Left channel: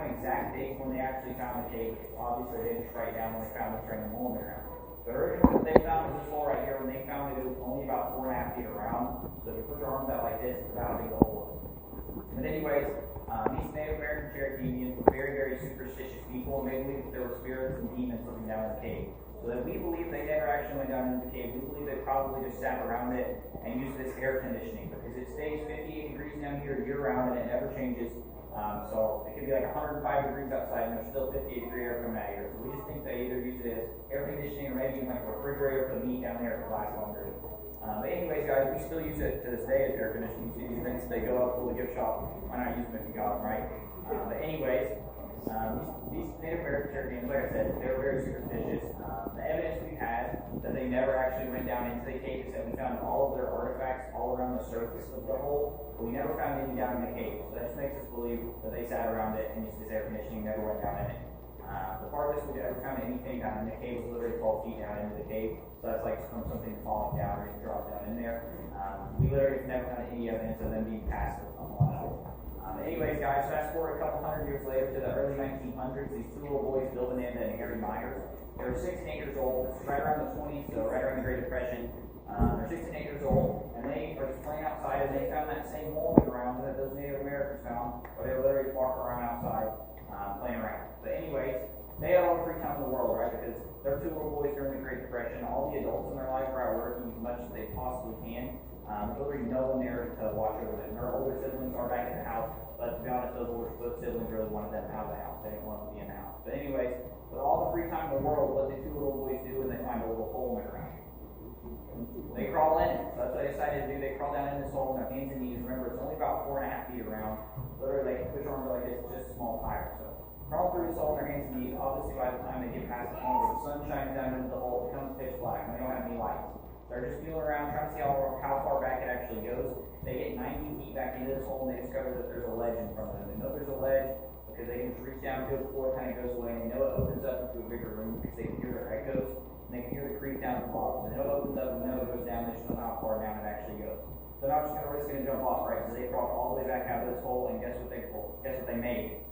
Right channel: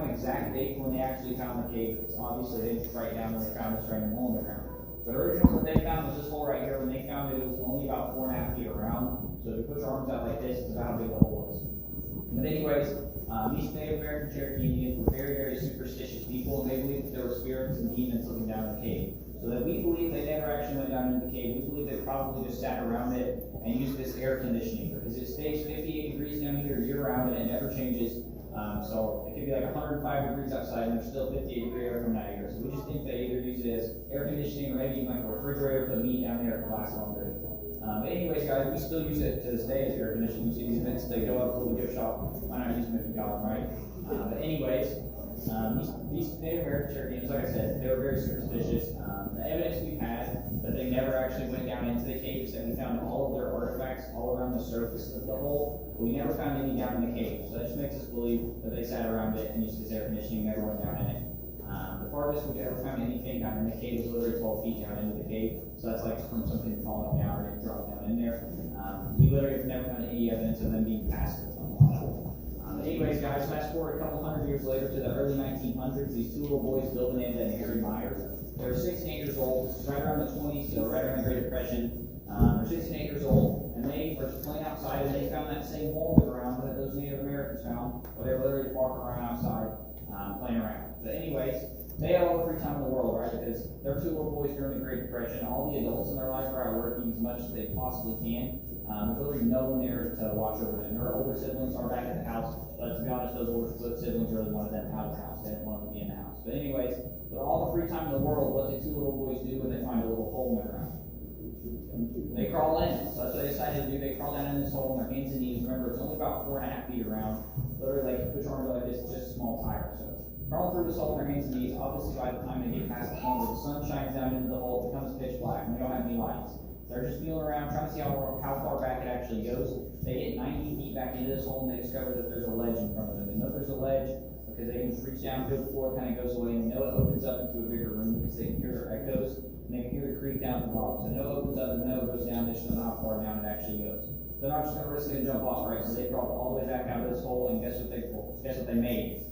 have an exact date when they actually found the cave, because obviously they didn't write down when they found this random hole in the ground. The original that they found was this hole right here. When they found it, it was only about 4.5 feet around. So if you put your arms out like this, it's about how big the hole was. But anyways, these Native American Cherokee Indians were very, very superstitious people, and they believed that there were spirits and demons living down in the cave. So that we believe they never actually went down into the cave. We believe they probably just sat around it and used this air conditioning, because it stays 58 degrees down here year round and it never changes. So it could be like 105 degrees outside and there's still 58 degree air coming out of here. So we just think they either use it as air conditioning or maybe like a refrigerator, put meat down there to last longer. But anyways, guys, we still use it to this day as air conditioning. You see these events, they go up to the gift shop. Why not use them if you got them, right? But anyways, these Native American Cherokees, like I said, they were very superstitious. The evidence we've had that they never actually went down into the cave is that we found all of their artifacts all around the surface of the hole, but we never found any down in the cave. So that just makes us believe that they sat around it and used this air conditioning, never went down in it. The farthest we've ever found anything down in the cave was literally 12 feet down into the cave. So that's like from something falling down or it dropped down in there. We literally have never found any evidence of them being passed with something like that. Anyways, guys, fast forward a couple hundred years later to the early 1900s. These two little boys, Bill Vananda and Harry Myers, they were 6 and 8 years old. This is right around the 20s, so right around the Great Depression. They're 6 and 8 years old, and they were just playing outside, and they found that same hole in the ground that those Native Americans found, where they were literally just walking around outside, playing around. But anyways, they had all the free time in the world, right? Because they're two little boys during the Great Depression. All the adults in their life are out working as much as they possibly can. There's literally no one there to watch over them. Their older siblings are back at the house, but to be honest, those older siblings really wanted them out of the house. They didn't want them to be in the house. But anyways, with all the free time in the world, what do two little boys do when they find a little hole in the ground? They crawl in. So that's what they decided to do. They crawl down in this hole on their hands and knees. Remember, it's only about 4.5 feet around. Literally, they can put your arms like this, just a small tire. So crawl through this hole on their hands and knees. Obviously, by the time they get past the point where the sun shines down into the hole, it becomes pitch black, and they don't have any lights. They're just feeling around, trying to see how far back it actually goes. They get 90 feet back into this hole, and they discover that there's a ledge in front of them. They know there's a ledge because they can just reach down, feel the floor, kind of goes away, and they know it opens up into a bigger room because they can hear their echoes, and they can hear the creak down at the bottom. So they know it opens up, and they know it goes down. They just don't know how far down it actually goes. They're not just going to risk it and jump off, right? So they crawled all the way back out of this hole, and guess what they made?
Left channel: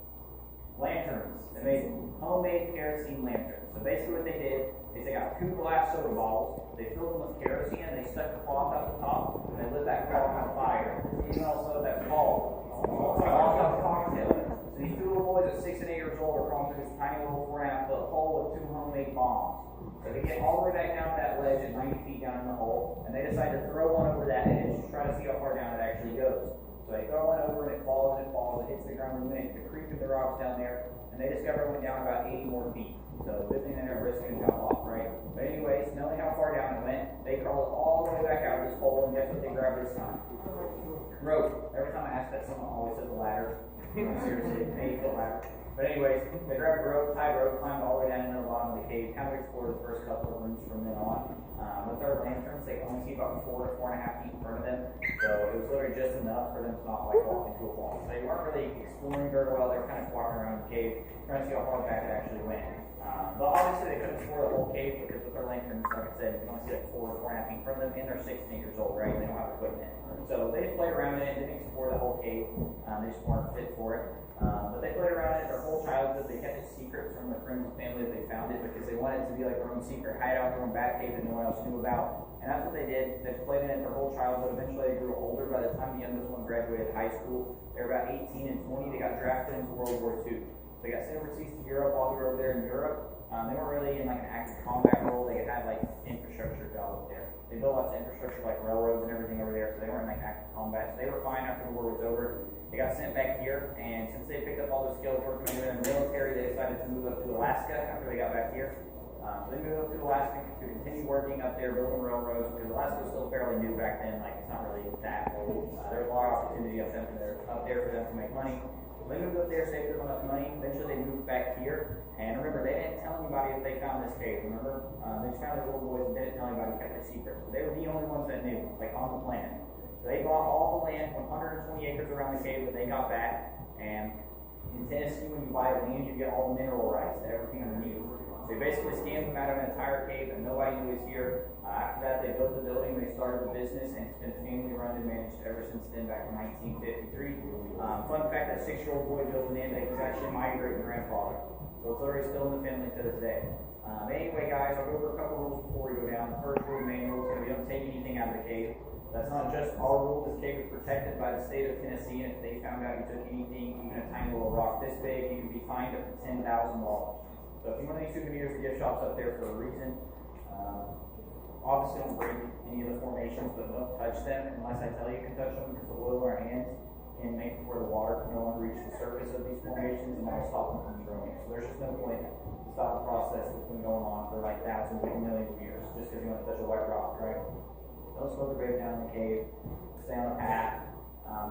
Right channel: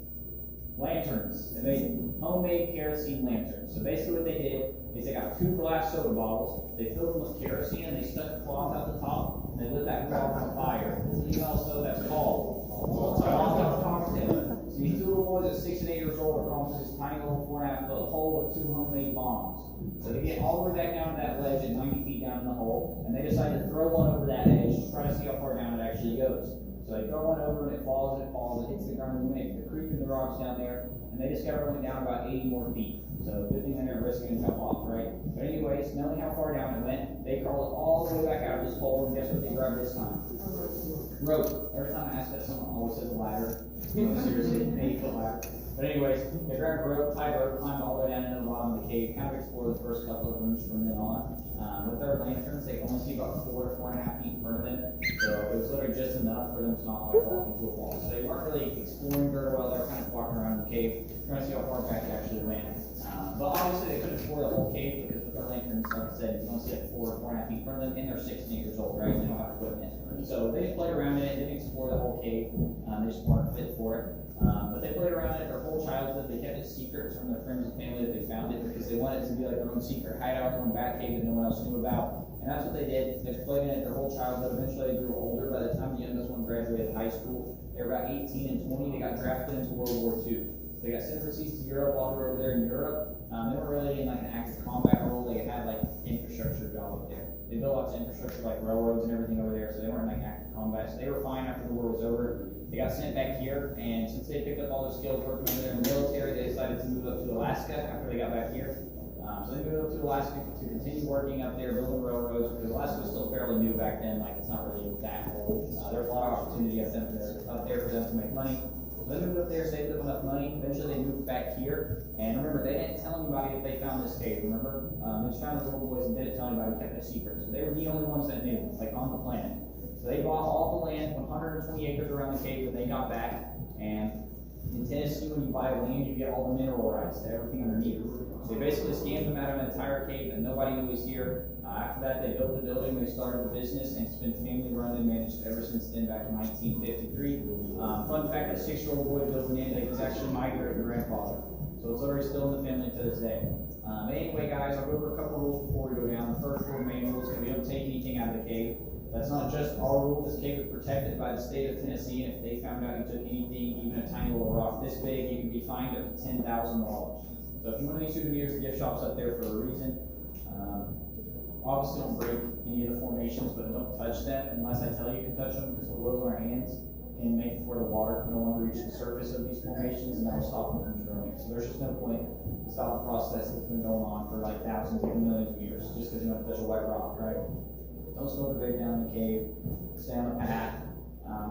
Lanterns. They made homemade kerosene lanterns. So basically what they did is they got 2 glass soda bottles, they filled them with kerosene, and they stuck a cloth up the top, and they lit that cloth on fire. There's even also that's called Molotov cocktail. So these two little boys at 6 and 8 years old are crawling through this tiny little 4.5 foot hole with 2 homemade bombs. So they get all the way back down to that ledge at 90 feet down in the hole, and they decide to throw one over that edge to try to see how far down it actually goes. So they throw one over and it falls, it hits the ground in a minute, the creek and the rocks down there, and they discover it went down about 80 more feet. So good thing they're risking to jump off, right? But anyways, knowing how far down it went, they crawled all the way back out of this hole, and guess what they grabbed this time? Rope. Every time I ask that, someone always says a ladder. Seriously, 8-foot ladder. But anyways, they grabbed a rope, tied rope, climbed all the way down into the bottom of the cave, kind of explored the first couple of rooms from then on. With their lanterns, they only see about 4 to 4.5 feet in front of them, so it was literally just enough for them to not like walk into a wall. So they weren't really exploring very well. They were kind of walking around the cave, trying to see how far back it actually went. But obviously they couldn't explore the whole cave because with their lanterns, like I said, you only see like 4 to 4.5 feet in front of them, and they're 6 and 8 years old, right? They don't have equipment. So they just played around in it, didn't explore the whole cave. They just weren't fit for it. But they played around it their whole childhood. They kept it secret from their friends and family that they found it because they wanted it to be like their own secret hideout, their own bat cave that no one else knew about. And that's what they did. They just played in it their whole childhood. Eventually they grew older. By the time the youngest one graduated high school, they were about 18 and 20. They got drafted into World War II. So they got sent overseas to Europe. While they were over there in Europe, they weren't really in like an active combat role. They had like infrastructure job up there. They built lots of infrastructure like railroads and everything over there, so they weren't in like active combat. So they were fine after the war was over. They got sent back here, and since they picked up all their skills working over there in the military, they decided to move up to Alaska after they got back here. So they moved up to Alaska to continue working up there, building railroads, because Alaska was still fairly new back then. Like, it's not really that old. There was a lot of opportunity up there for them to make money. So they moved up there, saved up enough money. Eventually they moved back here. And remember, they didn't tell anybody that they found this cave, remember? They just found these little boys and didn't tell anybody, kept it secret. So they were the only ones that knew, like on the planet. So they bought all the land, 120 acres around the cave when they got back, and In Tennessee, when you buy land, you get all the mineral rights to everything underneath. So they basically scammed them out of an entire cave that nobody knew was here. After that, they built the building, they started the business, and it's been family run and managed ever since then, back in 1953. Fun fact, that 6-year-old boy built Vananda, he's actually my great-grandfather. So it's already still in the family to this day. Anyway, guys, I'll go over a couple rules before we go down. The first rule, main rule, is that we don't take anything out of the cave. That's not just our rule. This cave is protected by the state of Tennessee, and if they found out you took anything, even a tiny little rock this big, you can be fined up to $10,000. So if you want any souvenirs, the gift shop's up there for a reason. Obviously, don't break any of the formations, but don't touch them unless I tell you can touch them, because the oil in our hands can make where the water can no longer reach the surface of these formations, and that will stop them from growing. So there's just no point to stop the process that's been going on for like thousands, even millions of years, just because you want to touch a white rock, right? Don't smoke a grave down in the cave. Stay on the path.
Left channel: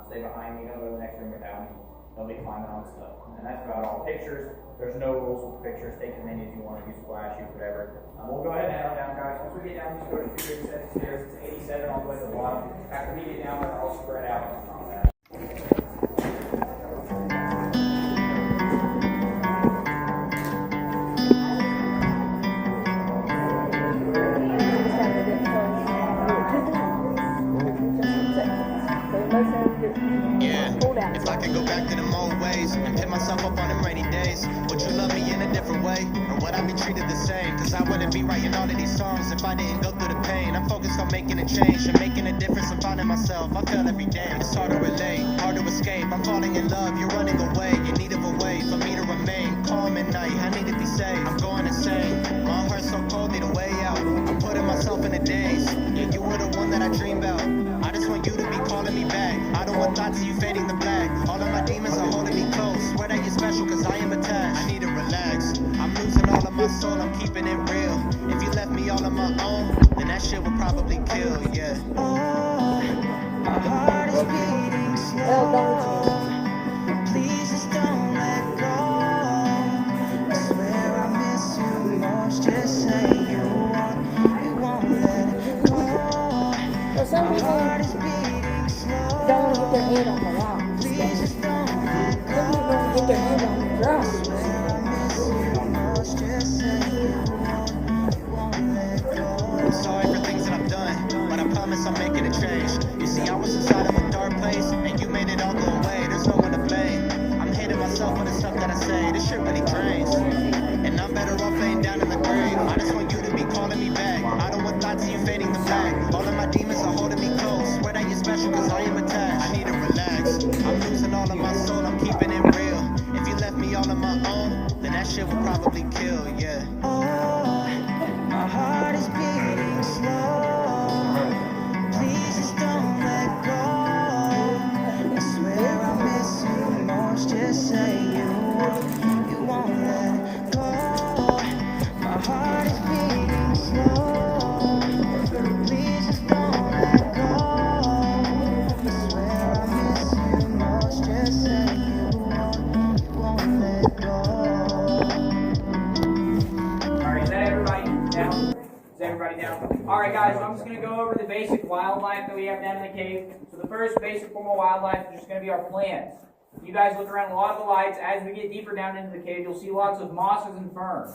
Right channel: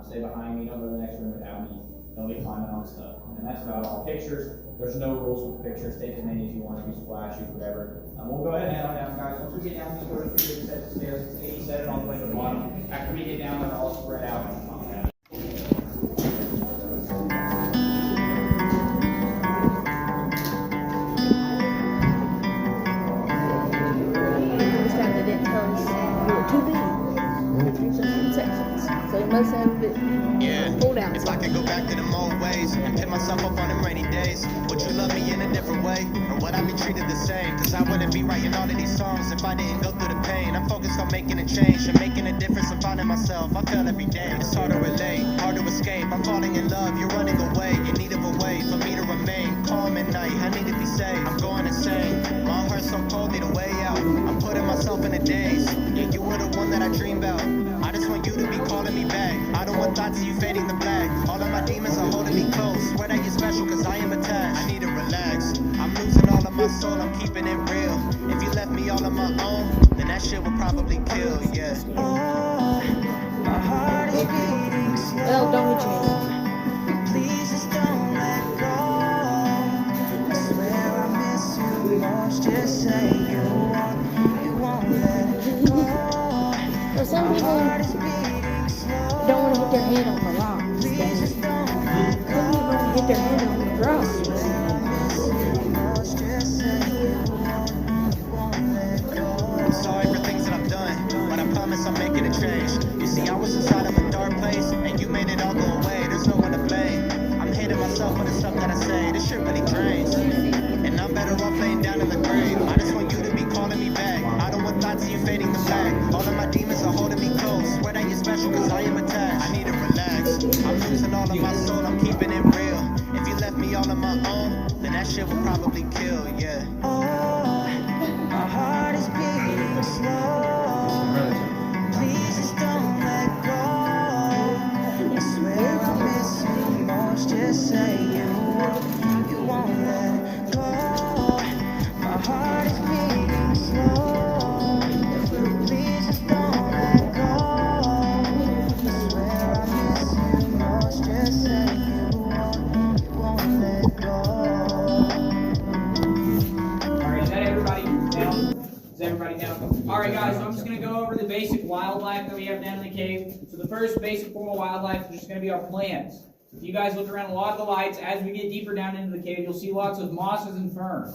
Stay behind me. Don't go to the next room without me. Don't be climbing on stuff. And that's about all. Pictures, there's no rules with pictures. Take as many as you want. Use flash, use whatever. We'll go ahead and head on down, guys. Once we get down these first 2 big sets of stairs, it's 87 all the way to the bottom. After we get down, they're all spread out and all that. Yeah, if I could go back to them old ways and pick myself up on them rainy days, would you love me in a different way? Or would I be treated the same? Cause I wouldn't be writing all of these songs if I didn't go through the pain. I'm focused on making a change and making a difference and finding myself. I feel every day. It's hard to relate, hard to escape. I'm falling in love, you're running away. In need of a way for me to remain calm at night. I need to be safe, I'm going insane. My heart's so cold, need a way out. I'm putting myself in a daze. Yeah, you were the one that I dreamed about. I just want you to be calling me back. I don't want thoughts of you fading the black. All of my demons are holding me close. Swear that you're special cause I am attached. I need to relax. I'm losing all of my soul, I'm keeping it real. If you left me all on my own, then that shit would probably kill, yeah. Oh, my heart is beating slow. Please just don't let go. I swear I miss you most. Just say you won't let it go. My heart is beating slow. Don't want to get their head on the rocks. Please just don't let go. They want to get their head on the rocks. I swear I miss you most. Just say you won't let go. I'm sorry for things that I've done, but I promise I'm making a change. You see, I was inside of a dark place, and you made it all go away. There's no one to blame. I'm hating myself for the stuff that I say. This shit really drains, and I'm better off laying down in the grave. I just want you to be calling me back. I don't want thoughts of you fading the black. All of my demons are holding me close. Swear that you're special cause I am attached. I need to relax. I'm losing all of my soul, I'm keeping it real. If you left me all on my own, then that shit would probably kill, yeah. Oh, my heart is beating slow. Please just don't let go. I swear I miss you most. Just say you won't let it go. My heart is beating slow. Please just don't let go. I swear I miss you most. Just say you won't let go. Alright, is that everybody down? Is everybody down? Alright guys, I'm just going to go over the basic wildlife that we have down in the cave. So the first basic form of wildlife is just going to be our plants. If you guys look around a lot of the lights, as we get deeper down into the cave, you'll see lots of mosses and ferns.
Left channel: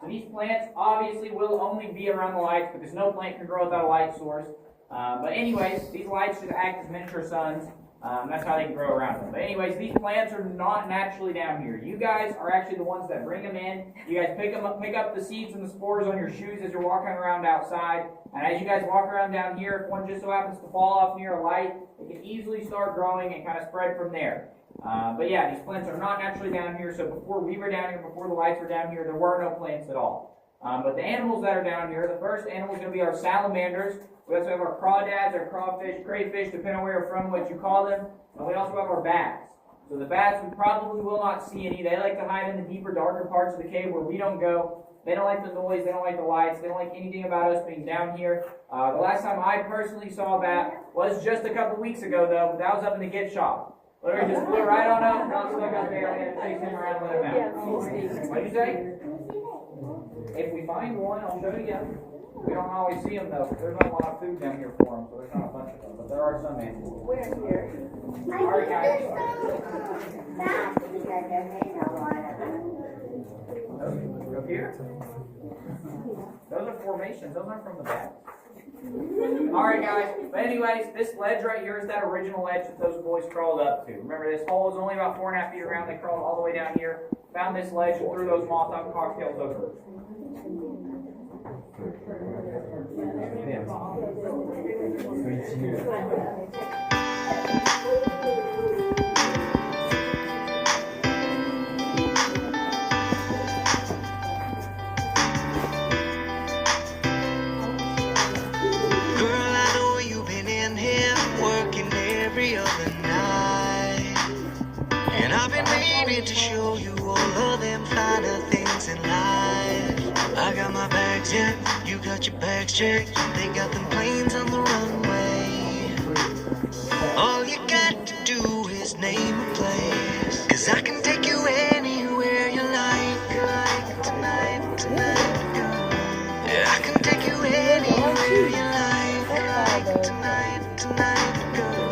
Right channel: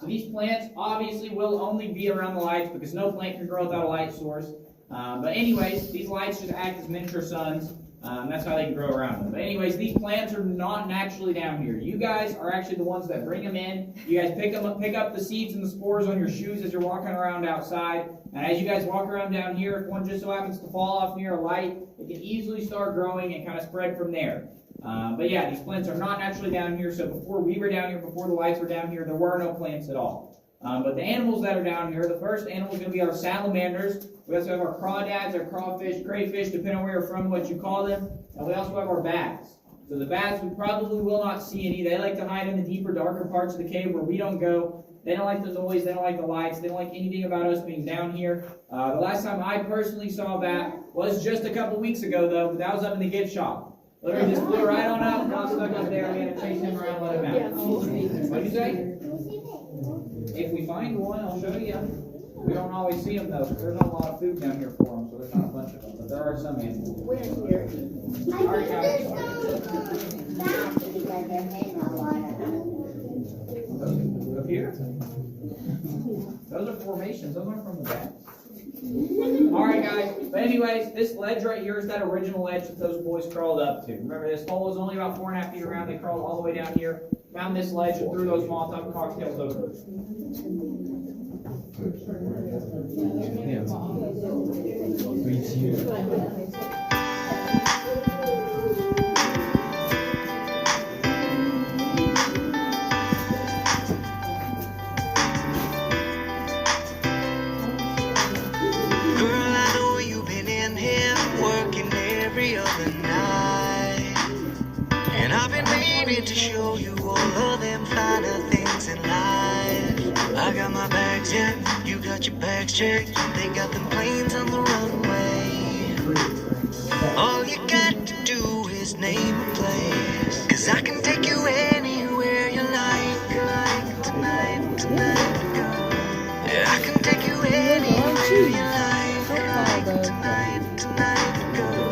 So these plants obviously will only be around the lights because no plant can grow without a light source. But anyways, these lights just act as miniature suns. That's how they can grow around them. But anyways, these plants are not naturally down here. You guys are actually the ones that bring them in. You guys pick up the seeds and the spores on your shoes as you're walking around outside. And as you guys walk around down here, if one just so happens to fall off near a light, it can easily start growing and kind of spread from there. But yeah, these plants are not naturally down here. So before we were down here, before the lights were down here, there were no plants at all. But the animals that are down here, the first animal is going to be our salamanders. We also have our crawdads, our crawfish, crayfish, depending on where you're from, what you call them. And we also have our bats. So the bats, we probably will not see any. They like to hide in the deeper, darker parts of the cave where we don't go. They don't like the noise. They don't like the lights. They don't like anything about us being down here. The last time I personally saw a bat was just a couple weeks ago, though. But that was up in the gift shop. Literally just flew right on up, got stuck up there. We had to chase him around and let him out. What'd you say? If we find one, I'll show you. We don't always see them though, because there's not a lot of food down here for them, so there's not a bunch of them, but there are some animals. We're here. Alright, guys. Up here? Those are formations, those aren't from the back. Alright guys, but anyways, this ledge right here is that original ledge that those boys crawled up to. Remember, this hole is only about 4.5 feet around, they crawled all the way down here, found this ledge and threw those Molotov cocktails over it. To show you all of them finer things in life. I got my bags checked, you got your bags checked. They got them planes on the runway. All you got to do is name a place, 'cause I can take you anywhere you like. Tonight, girl. Yeah, I can take you anywhere you like. Tonight, girl.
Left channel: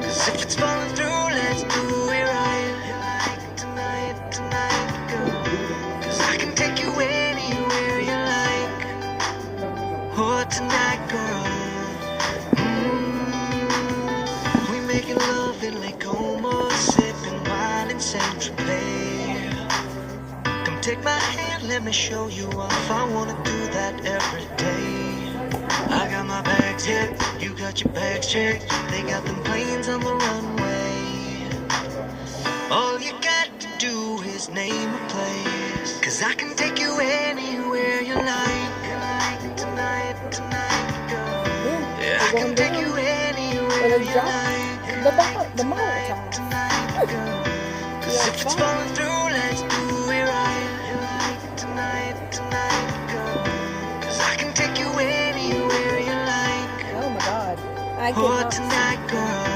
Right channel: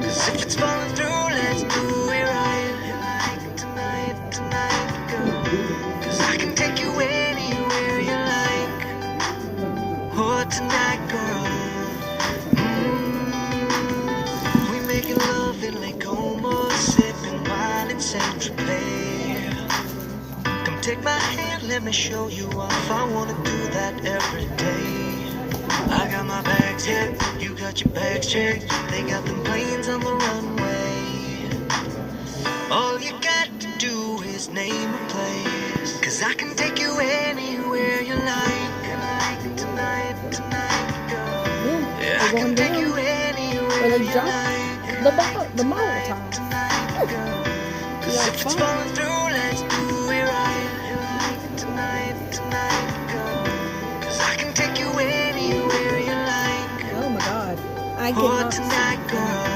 'Cause if it's falling through, let's do it right. Tonight, girl, we making love in Lake Como, sipping wine in Saint Tropez. Come take my hand, let me show you off. I wanna do that every day. I got my bags checked, you got your bags checked. They got them planes on the runway. All you got to do is name a place, 'cause I can take you anywhere you like. I can take you anywhere you like. The Molotov. Cause if it's falling through, let's do it right. Tonight, girl. 'Cause I can take you anywhere you like. Oh my God. Oh, tonight, girl.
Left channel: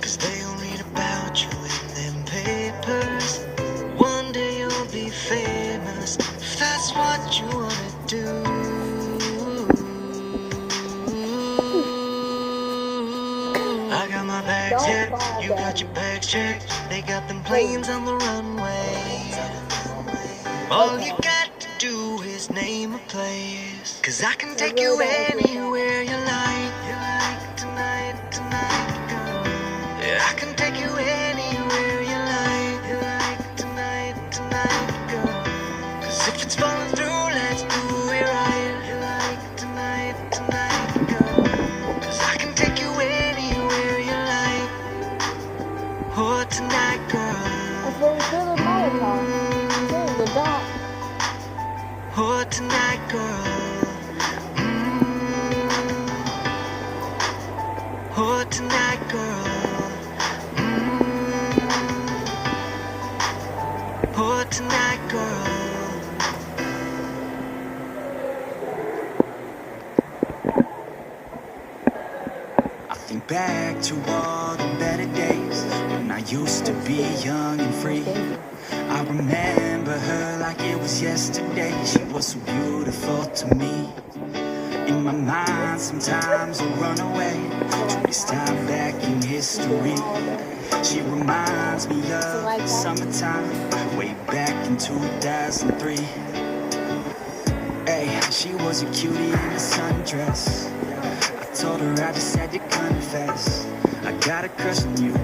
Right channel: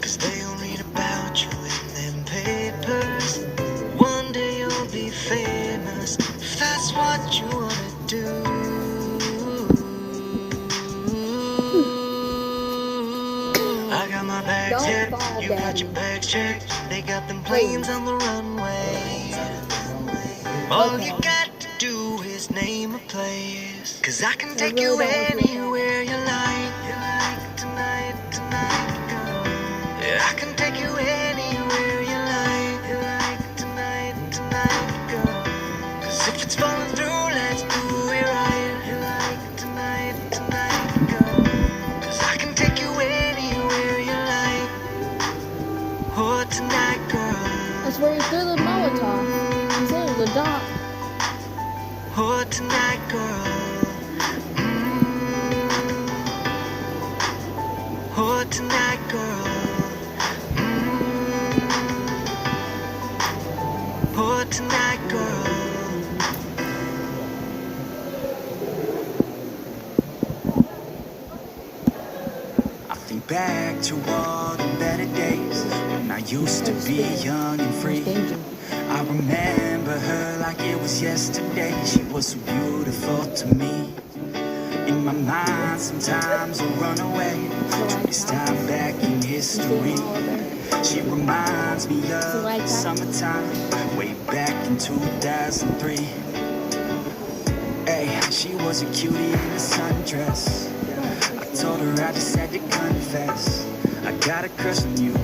'Cause they all read about you in them papers. One day you'll be famous, if that's what you wanna do. I got my bags checked, you got your bags checked. They got them planes on the runway. All you got to do is name a place, 'cause I can take you anywhere you like. Tonight, girl. Yeah, I can take you anywhere you like. Tonight, girl. 'Cause if it's falling through, let's do it right. Tonight, girl. 'Cause I can take you anywhere you like. Oh, tonight, girl. That's where we threw the Molotov. It's the dock. Oh, tonight, girl. Oh, tonight, girl. Oh, tonight, girl. I think back to all the better days when I used to be young and free. I remember her like it was yesterday. She was so beautiful to me. In my mind, sometimes I run away to this time back in history. She reminds me of summertime, way back in 2003. Hey, she was a cutie in a sundress. I told her I just had to confess, I got a crush on you,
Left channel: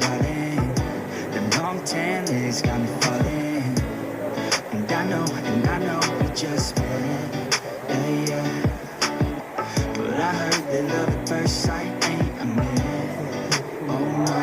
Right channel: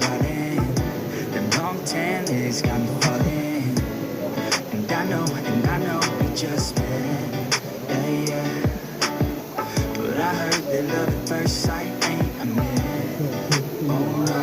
darling. Them long tan legs got me falling. And I know we just met, yeah. But I heard that love at first sight ain't a myth. Oh no.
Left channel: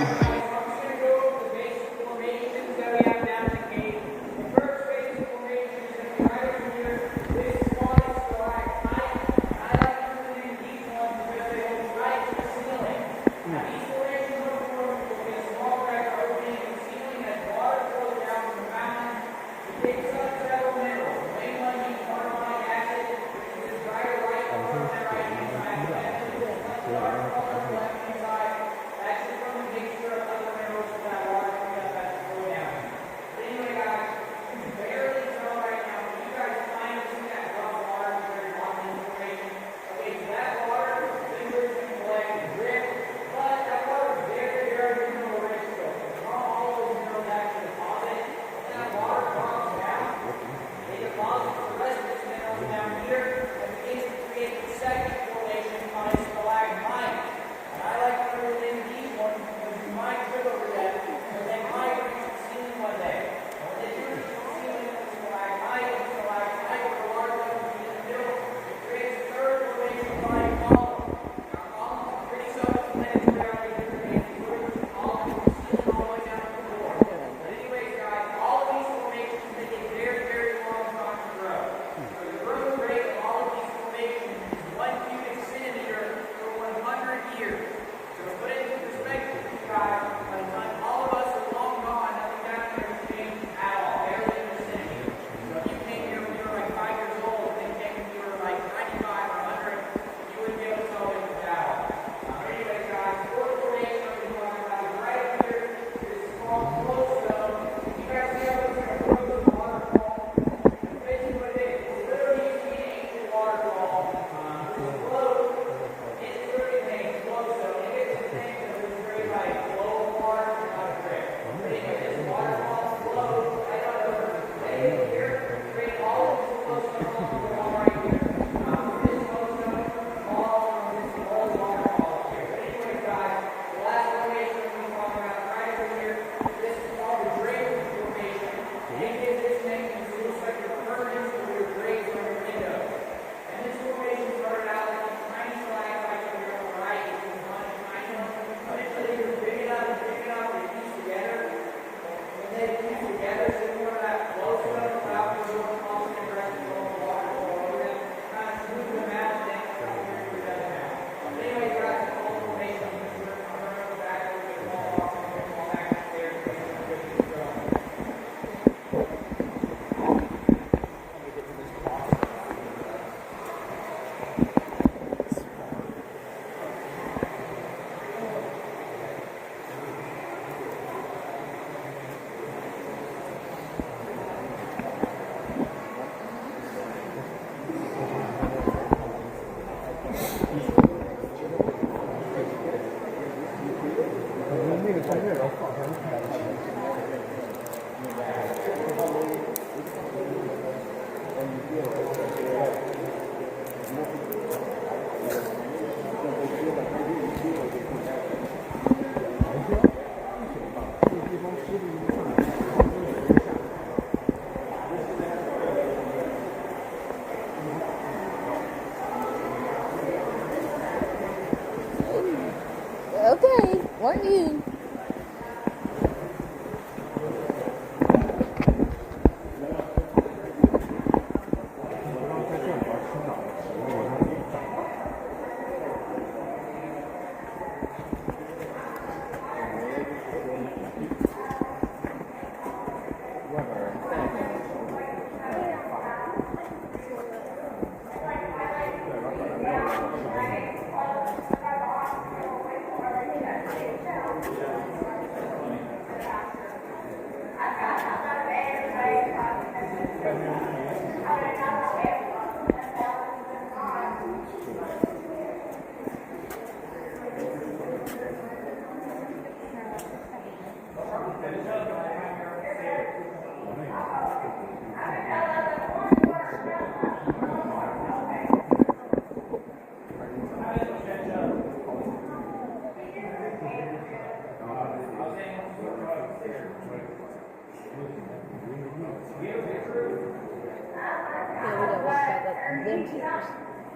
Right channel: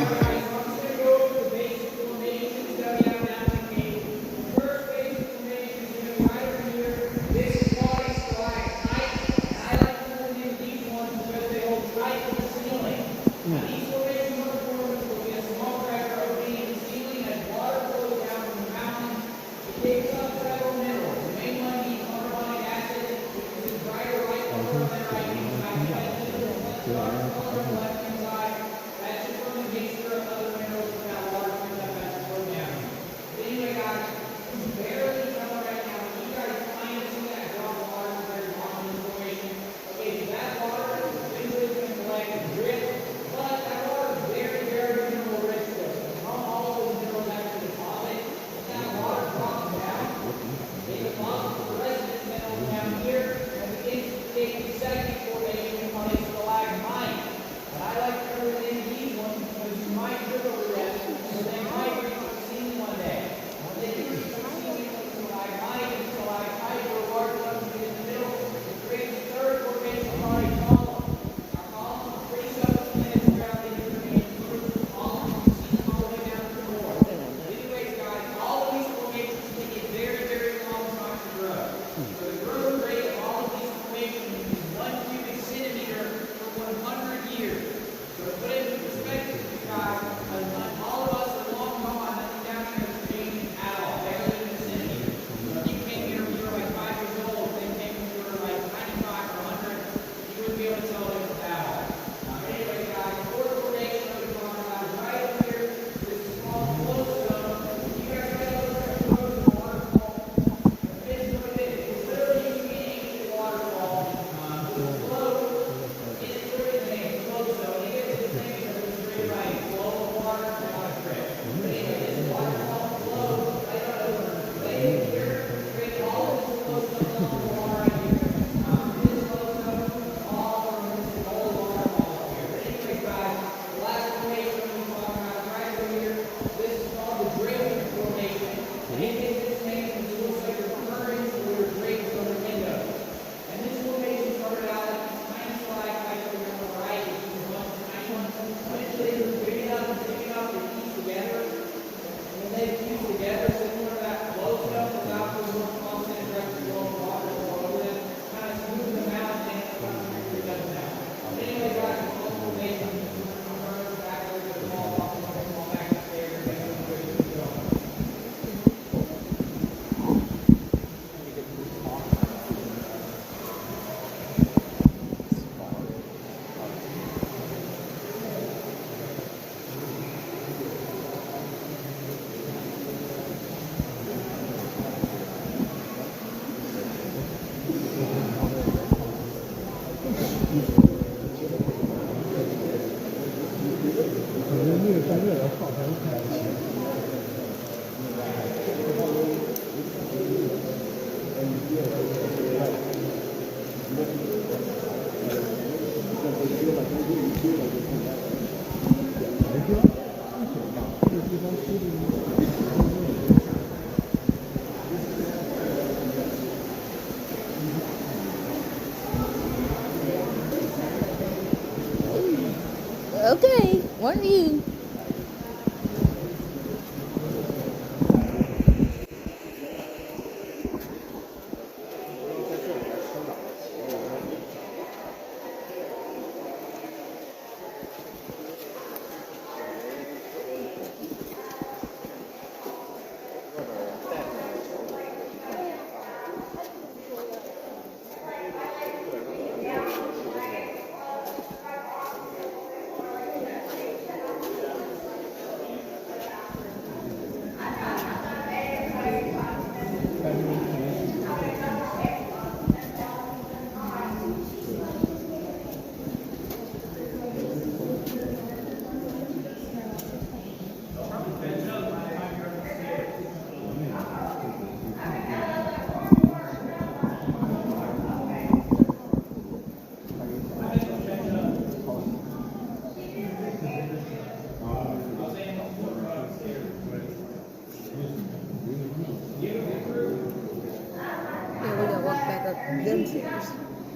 them stairs.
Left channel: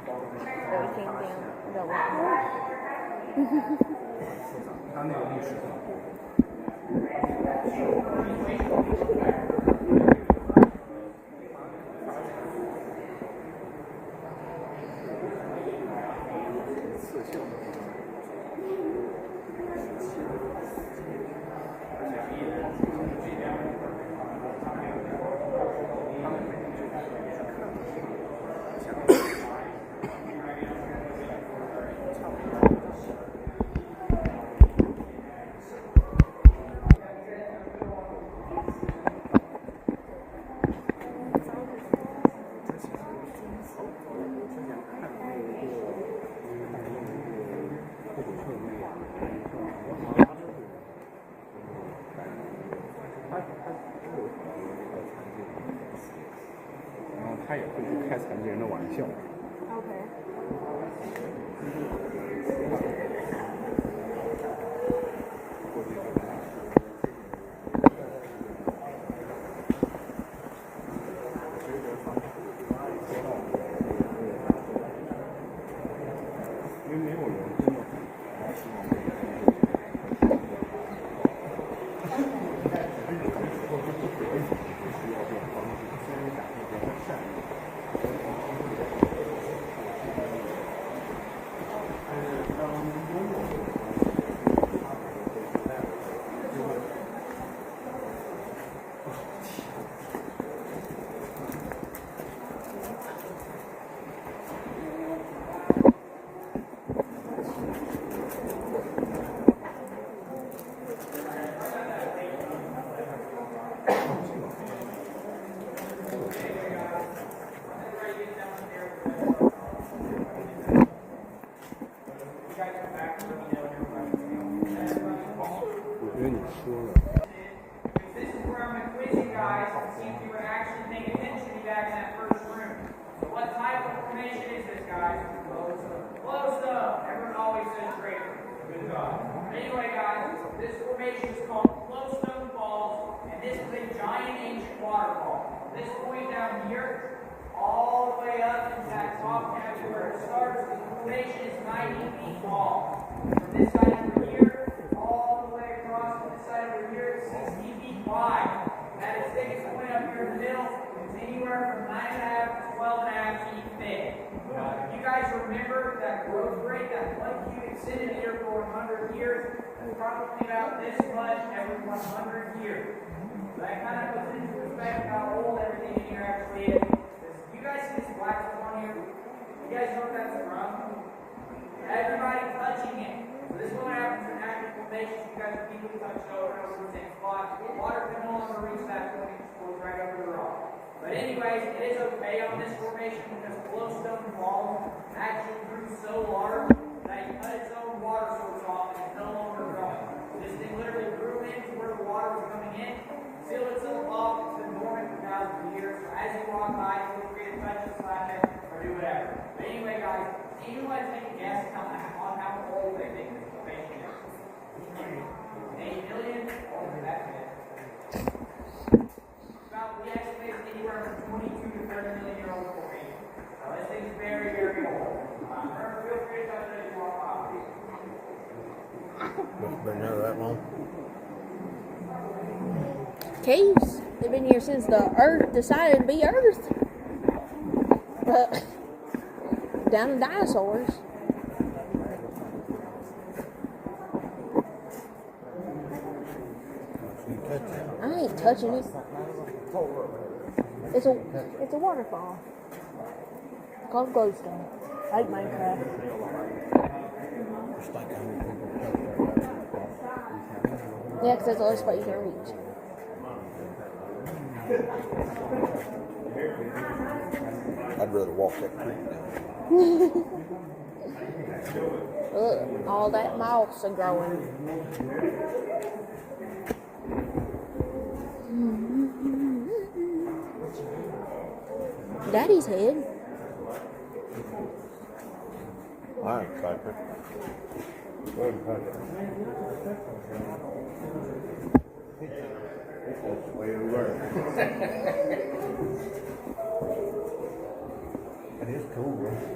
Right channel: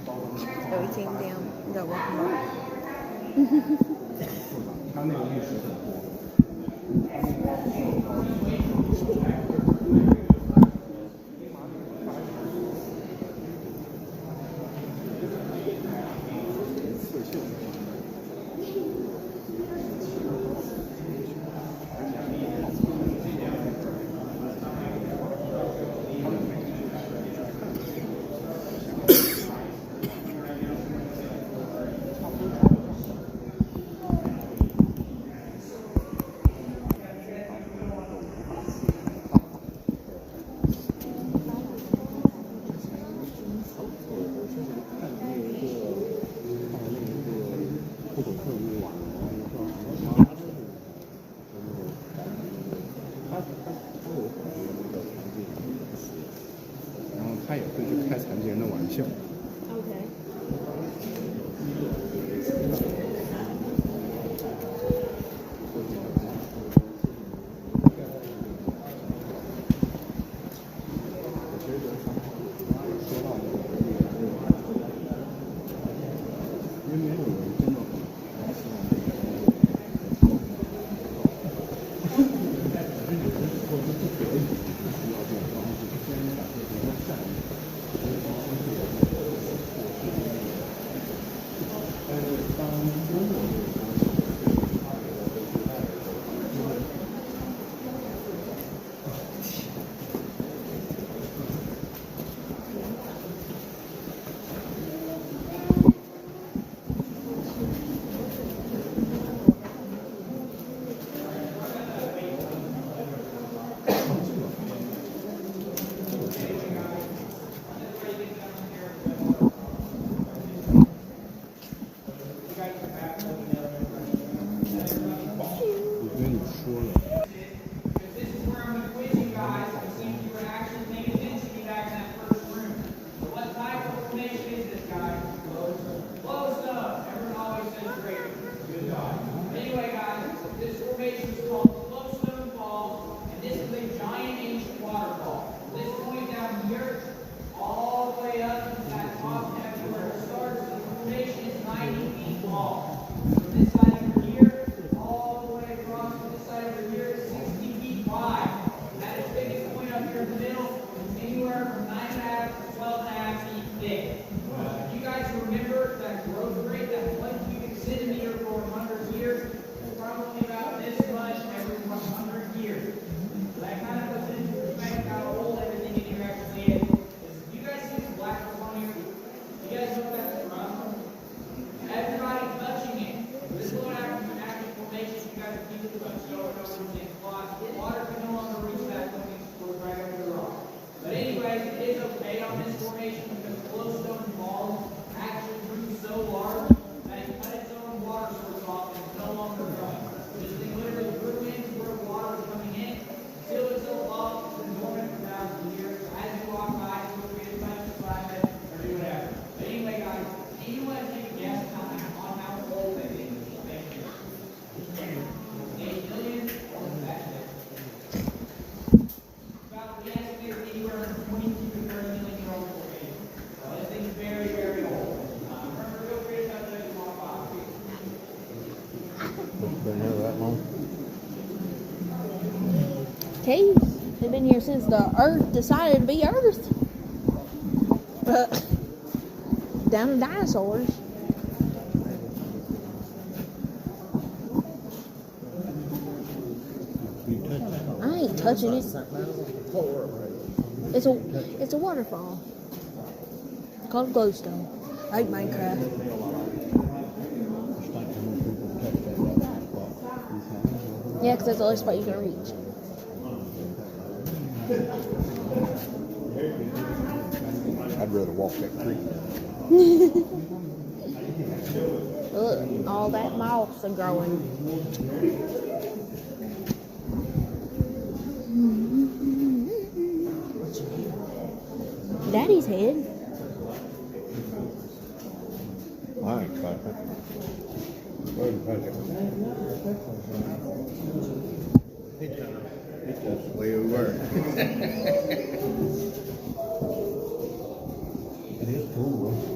That we came down and got walking back. 它那个历史很多。刺绣的。他也会去开残疾人的玩笑。Okay. 因为没有人真的很希望被waterfall. This point down here, all the way up into that top heavy where it starts, the formation is 90 feet tall. From this side over here, all the way across to this side over here, it's 60 feet wide. At its biggest point up here in the middle, it's anywhere from 9.5 to 12.5 feet thick. If you guys remember that growth rate, that 1 cubic centimeter for 100 years, it's probably about this much every 100 years. So that kind of puts into perspective how old everything in here actually is. You guys see this black stuff on here? You guys know what that's from? Everybody touching it. So this is what happens in active formation. You guys are people touching over and over the same spot. Water can no longer reach that point, it goes right over the rock. But anyways, it is okay on this formation because flowstone walls actually grew so large that it cut its own water source off and it's no longer growing. This thing literally grew into where the water was coming in, sealed itself off, it's been dormant for thousands of years. So as you walk by, feel free to touch it, slide it, or do whatever. But anyway, guys, anyone take a guess on how old they think this formation is? 8 million? Oh, that's it. About, we estimate anywhere from 22 to 30 million year old formation. So this thing is very, very old. Feel free to touch it as you walk by. Been here that long? Caves. They've been here since the Earth decided to be Earth. Down to dinosaurs. I ain't touching it. It's a waterfall. It's called glowstone. Like Minecraft. It's like how many people cut that last spot. Yeah, because that's the only spot you can reach. I'd rather walk that creek. Look, all that moss are growing. Daddy's head. I'm excited. Go ahead and touch it. It's just way over. It is cool.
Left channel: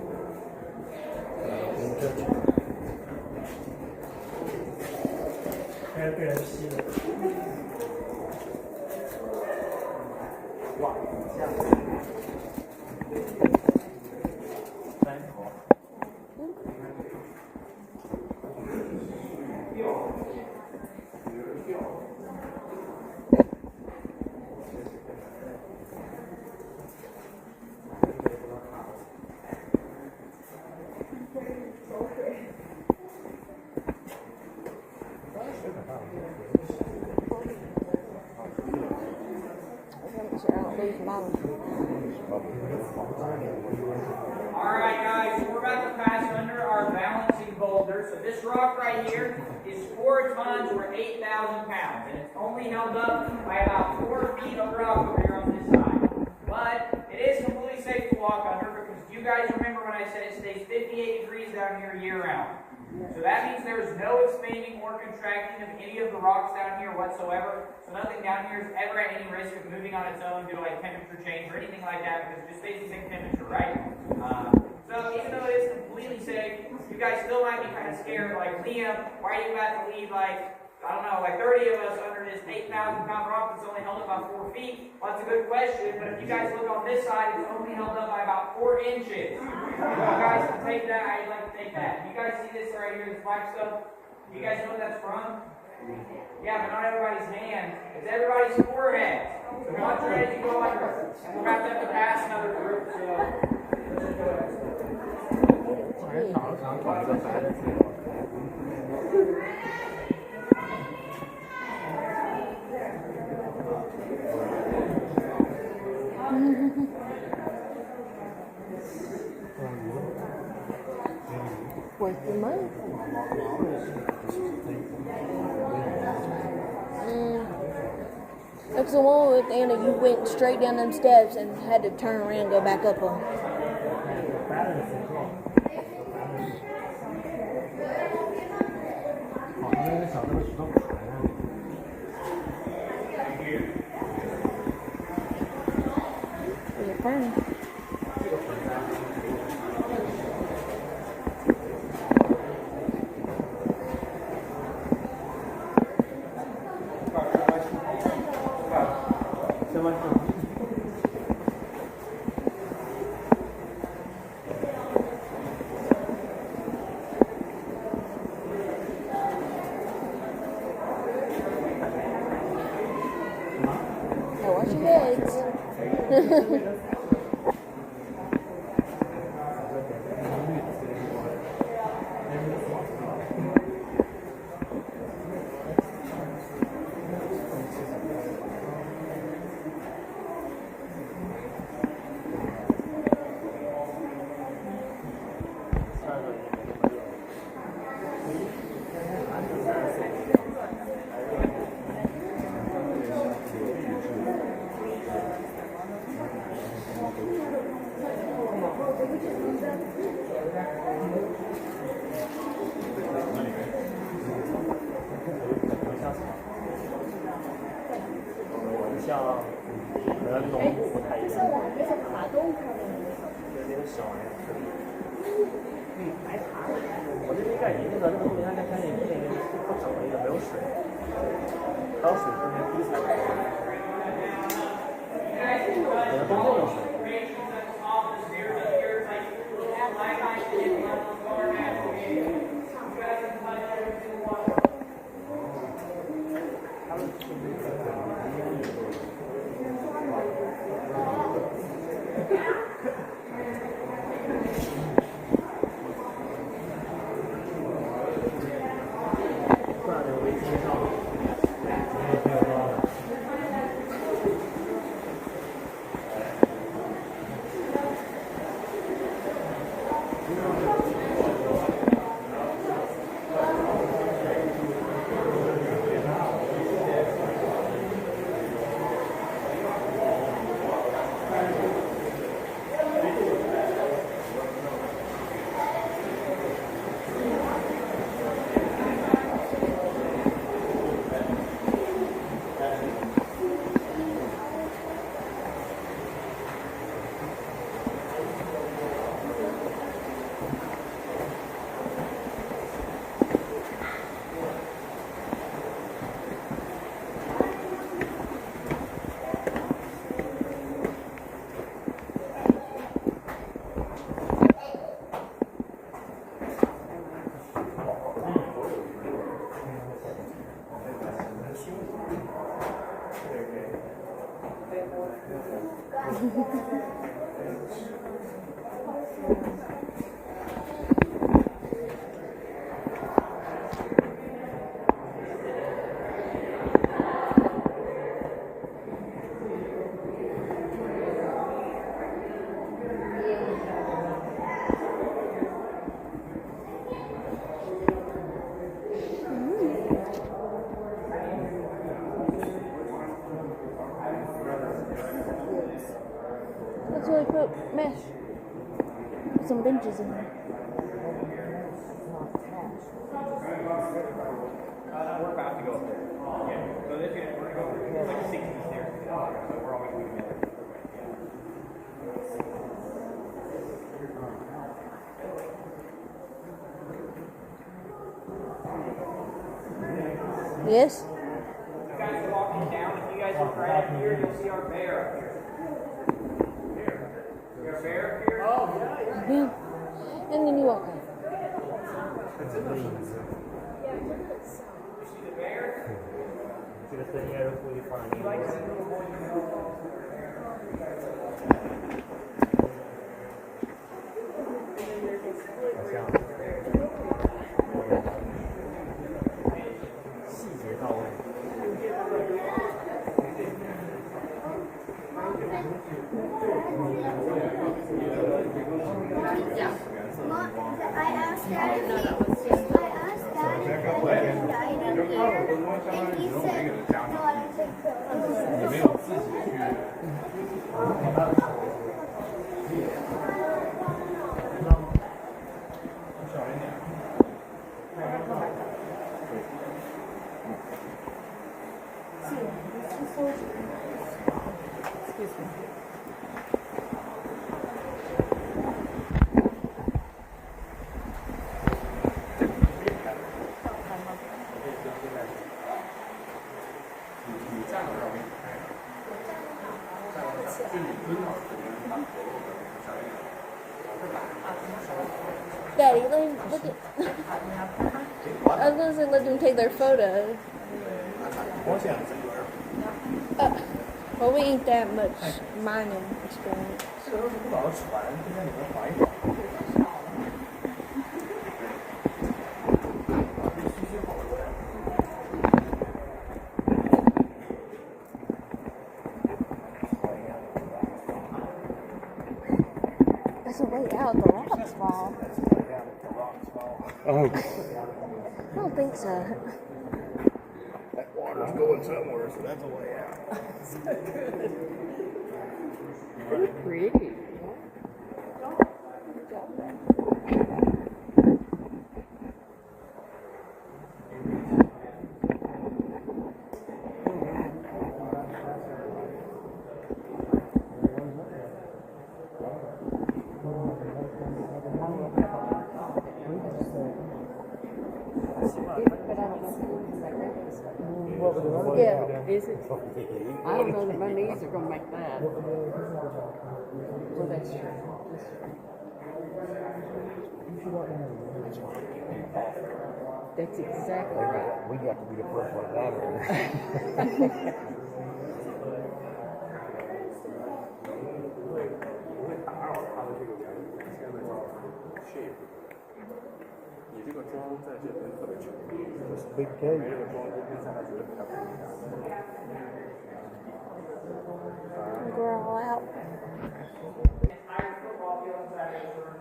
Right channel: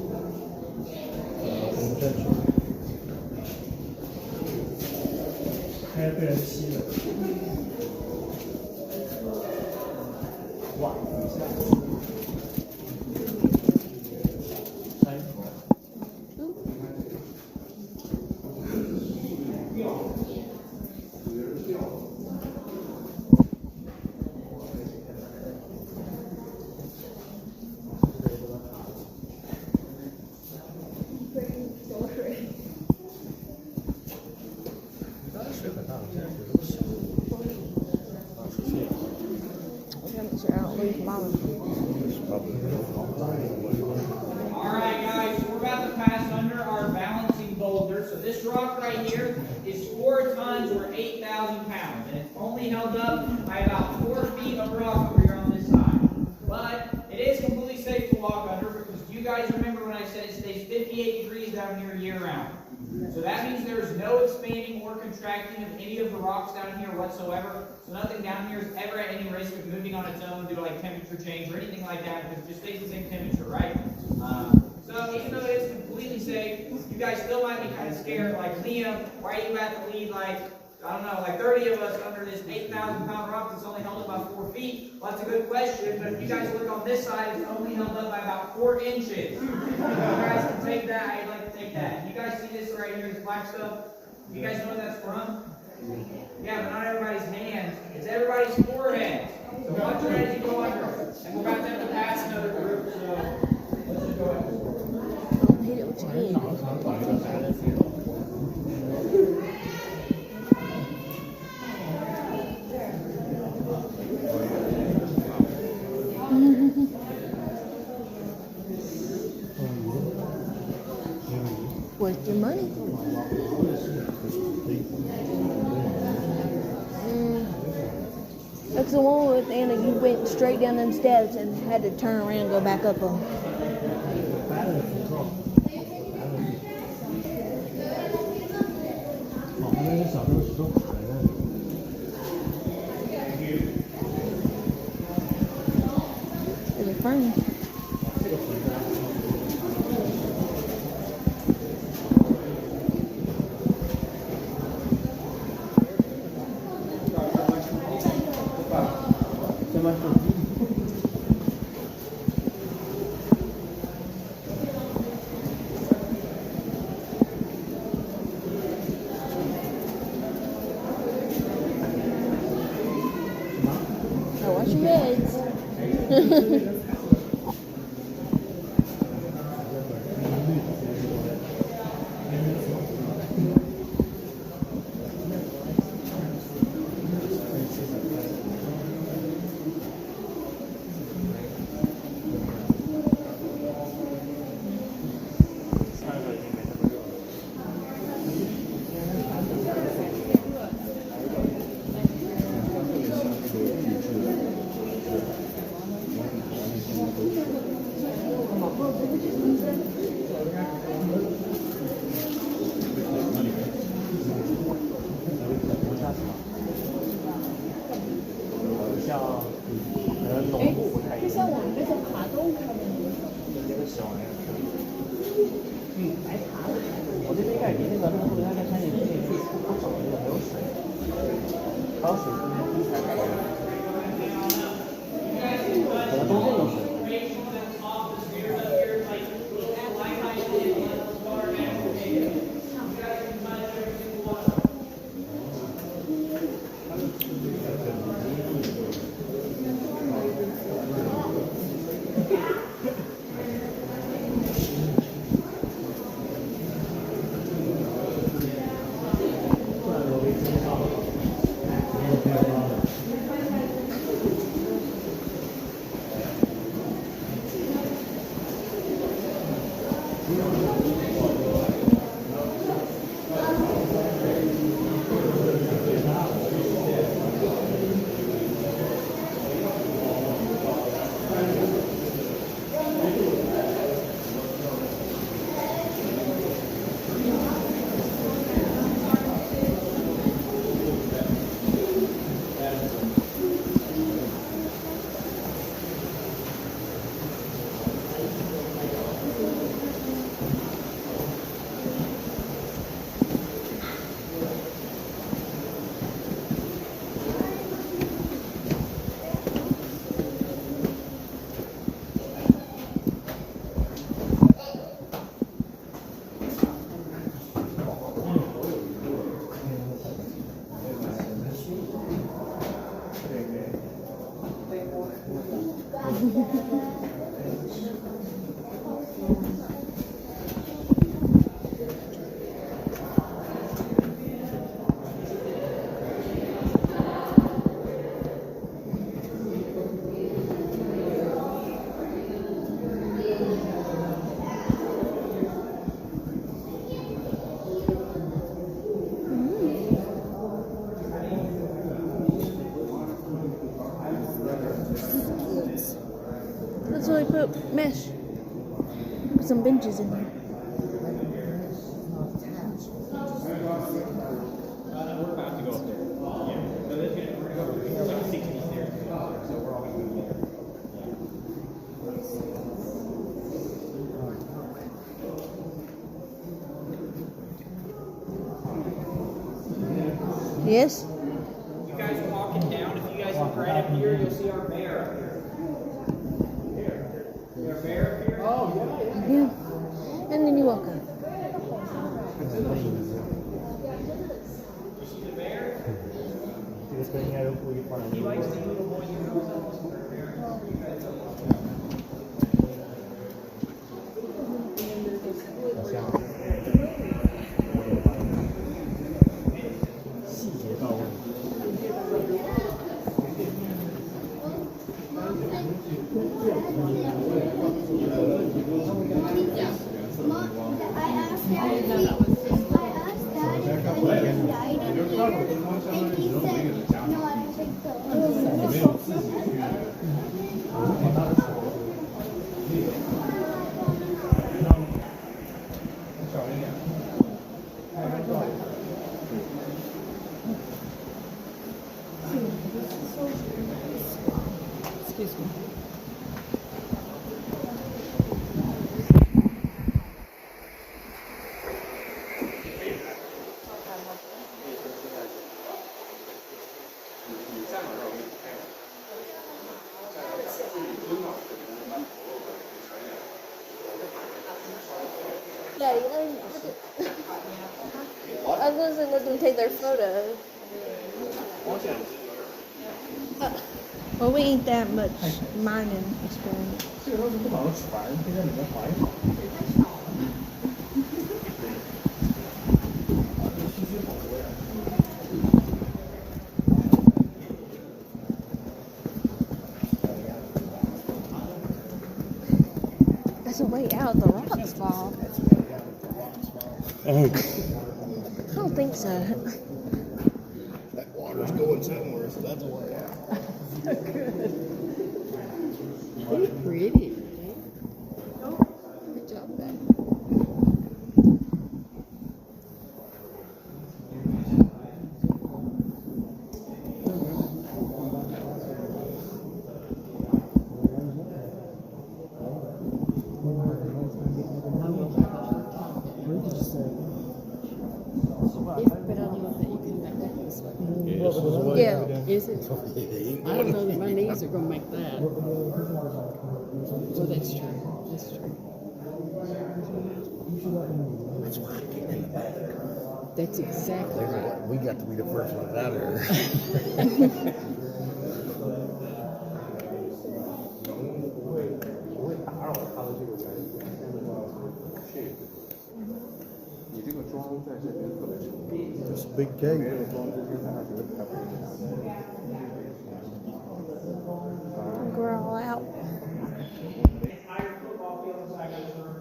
Alright guys, so we're about to pass under our balancing boulder. So this rock right here is 4 tons or 8,000 pounds. And it's only held up by about 4 feet of rock over here on this side. But it is completely safe to walk under because you guys remember when I said it stays 58 degrees down here year round. So that means there's no expanding or contracting of any of the rocks down here whatsoever. So nothing down here is ever at any risk of moving on its own due to like temperature change or anything like that because it just stays the same temperature, right? So even though it is completely safe, you guys still might be kind of scared, like, Liam, why are you about to lead like, I don't know, like 30 of us under this 8,000 pound rock that's only held up by 4 feet? Well, that's a good question, but if you guys look on this side, it's only held up by about 4 inches. If you guys can take that, I'd like to take that. You guys see this right here, this black stuff? You guys know what that's from? Yeah, but not everybody's hands. It's everybody's forehead. So once you're ready to go under, and we're about to have to pass another group, so let's just go ahead. Worth your money. That's the one with Anna. You went straight down them steps and had to turn around and go back up them. There's a fern. Wash your heads. That's why I put mesh. Put some benches in there. We're about to go up there. Yeah. So this is, we're going to go like 60 stairs. So we're all going to be together. Yes? You guys are walking down. If you guys look right up here, you'll see our bear up here. See our bear up here? Oh, yeah. Yeah. And then you walk up. You see the bear? He likes the little boys and girls that are there. Excuse me. Daddy, look at. I was gonna say let them take their photo. Well, we ain't that much mining experience. That's a way out. The rocks fall. Oh, I don't think so. that water's going somewhere, so that's a way out. Pretty pretty. Good job, Ben. Yeah. Is it? I don't know that my knees are going to make that. Well, that's true. That's true. That's exactly right. We got to be the first ones out of here. It's a big cave. Grow out. Entire football field on the side of this room.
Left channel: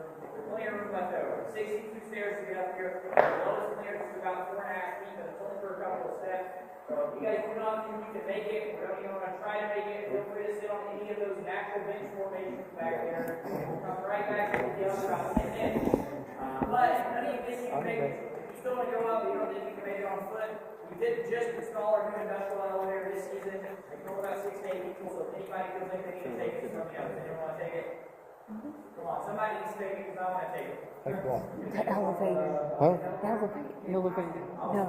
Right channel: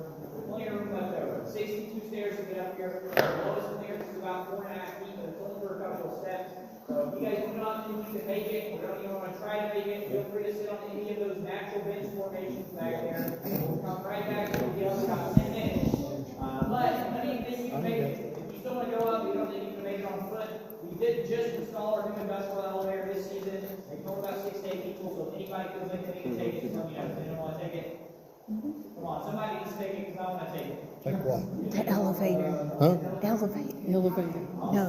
Plenty of room left over. 62 stairs to get up here. The lowest clearance is about 4.5 feet, but it's only for a couple of steps. So if you guys do not need to make it, or don't even want to try to make it, feel free to sit on any of those natural bench formations back there. We'll come right back to the other about 10 minutes. But anything you can make it. If you still want to go up, you don't think you can make it on foot. We did just install our new industrial elevator this season. We told about 6 to 8 people, so if anybody feels like they need to take it, so, you know, if anyone want to take it, come on, somebody needs to take it because I want to take it. Take what? The elevator. Huh? Elevator. Elevator. No.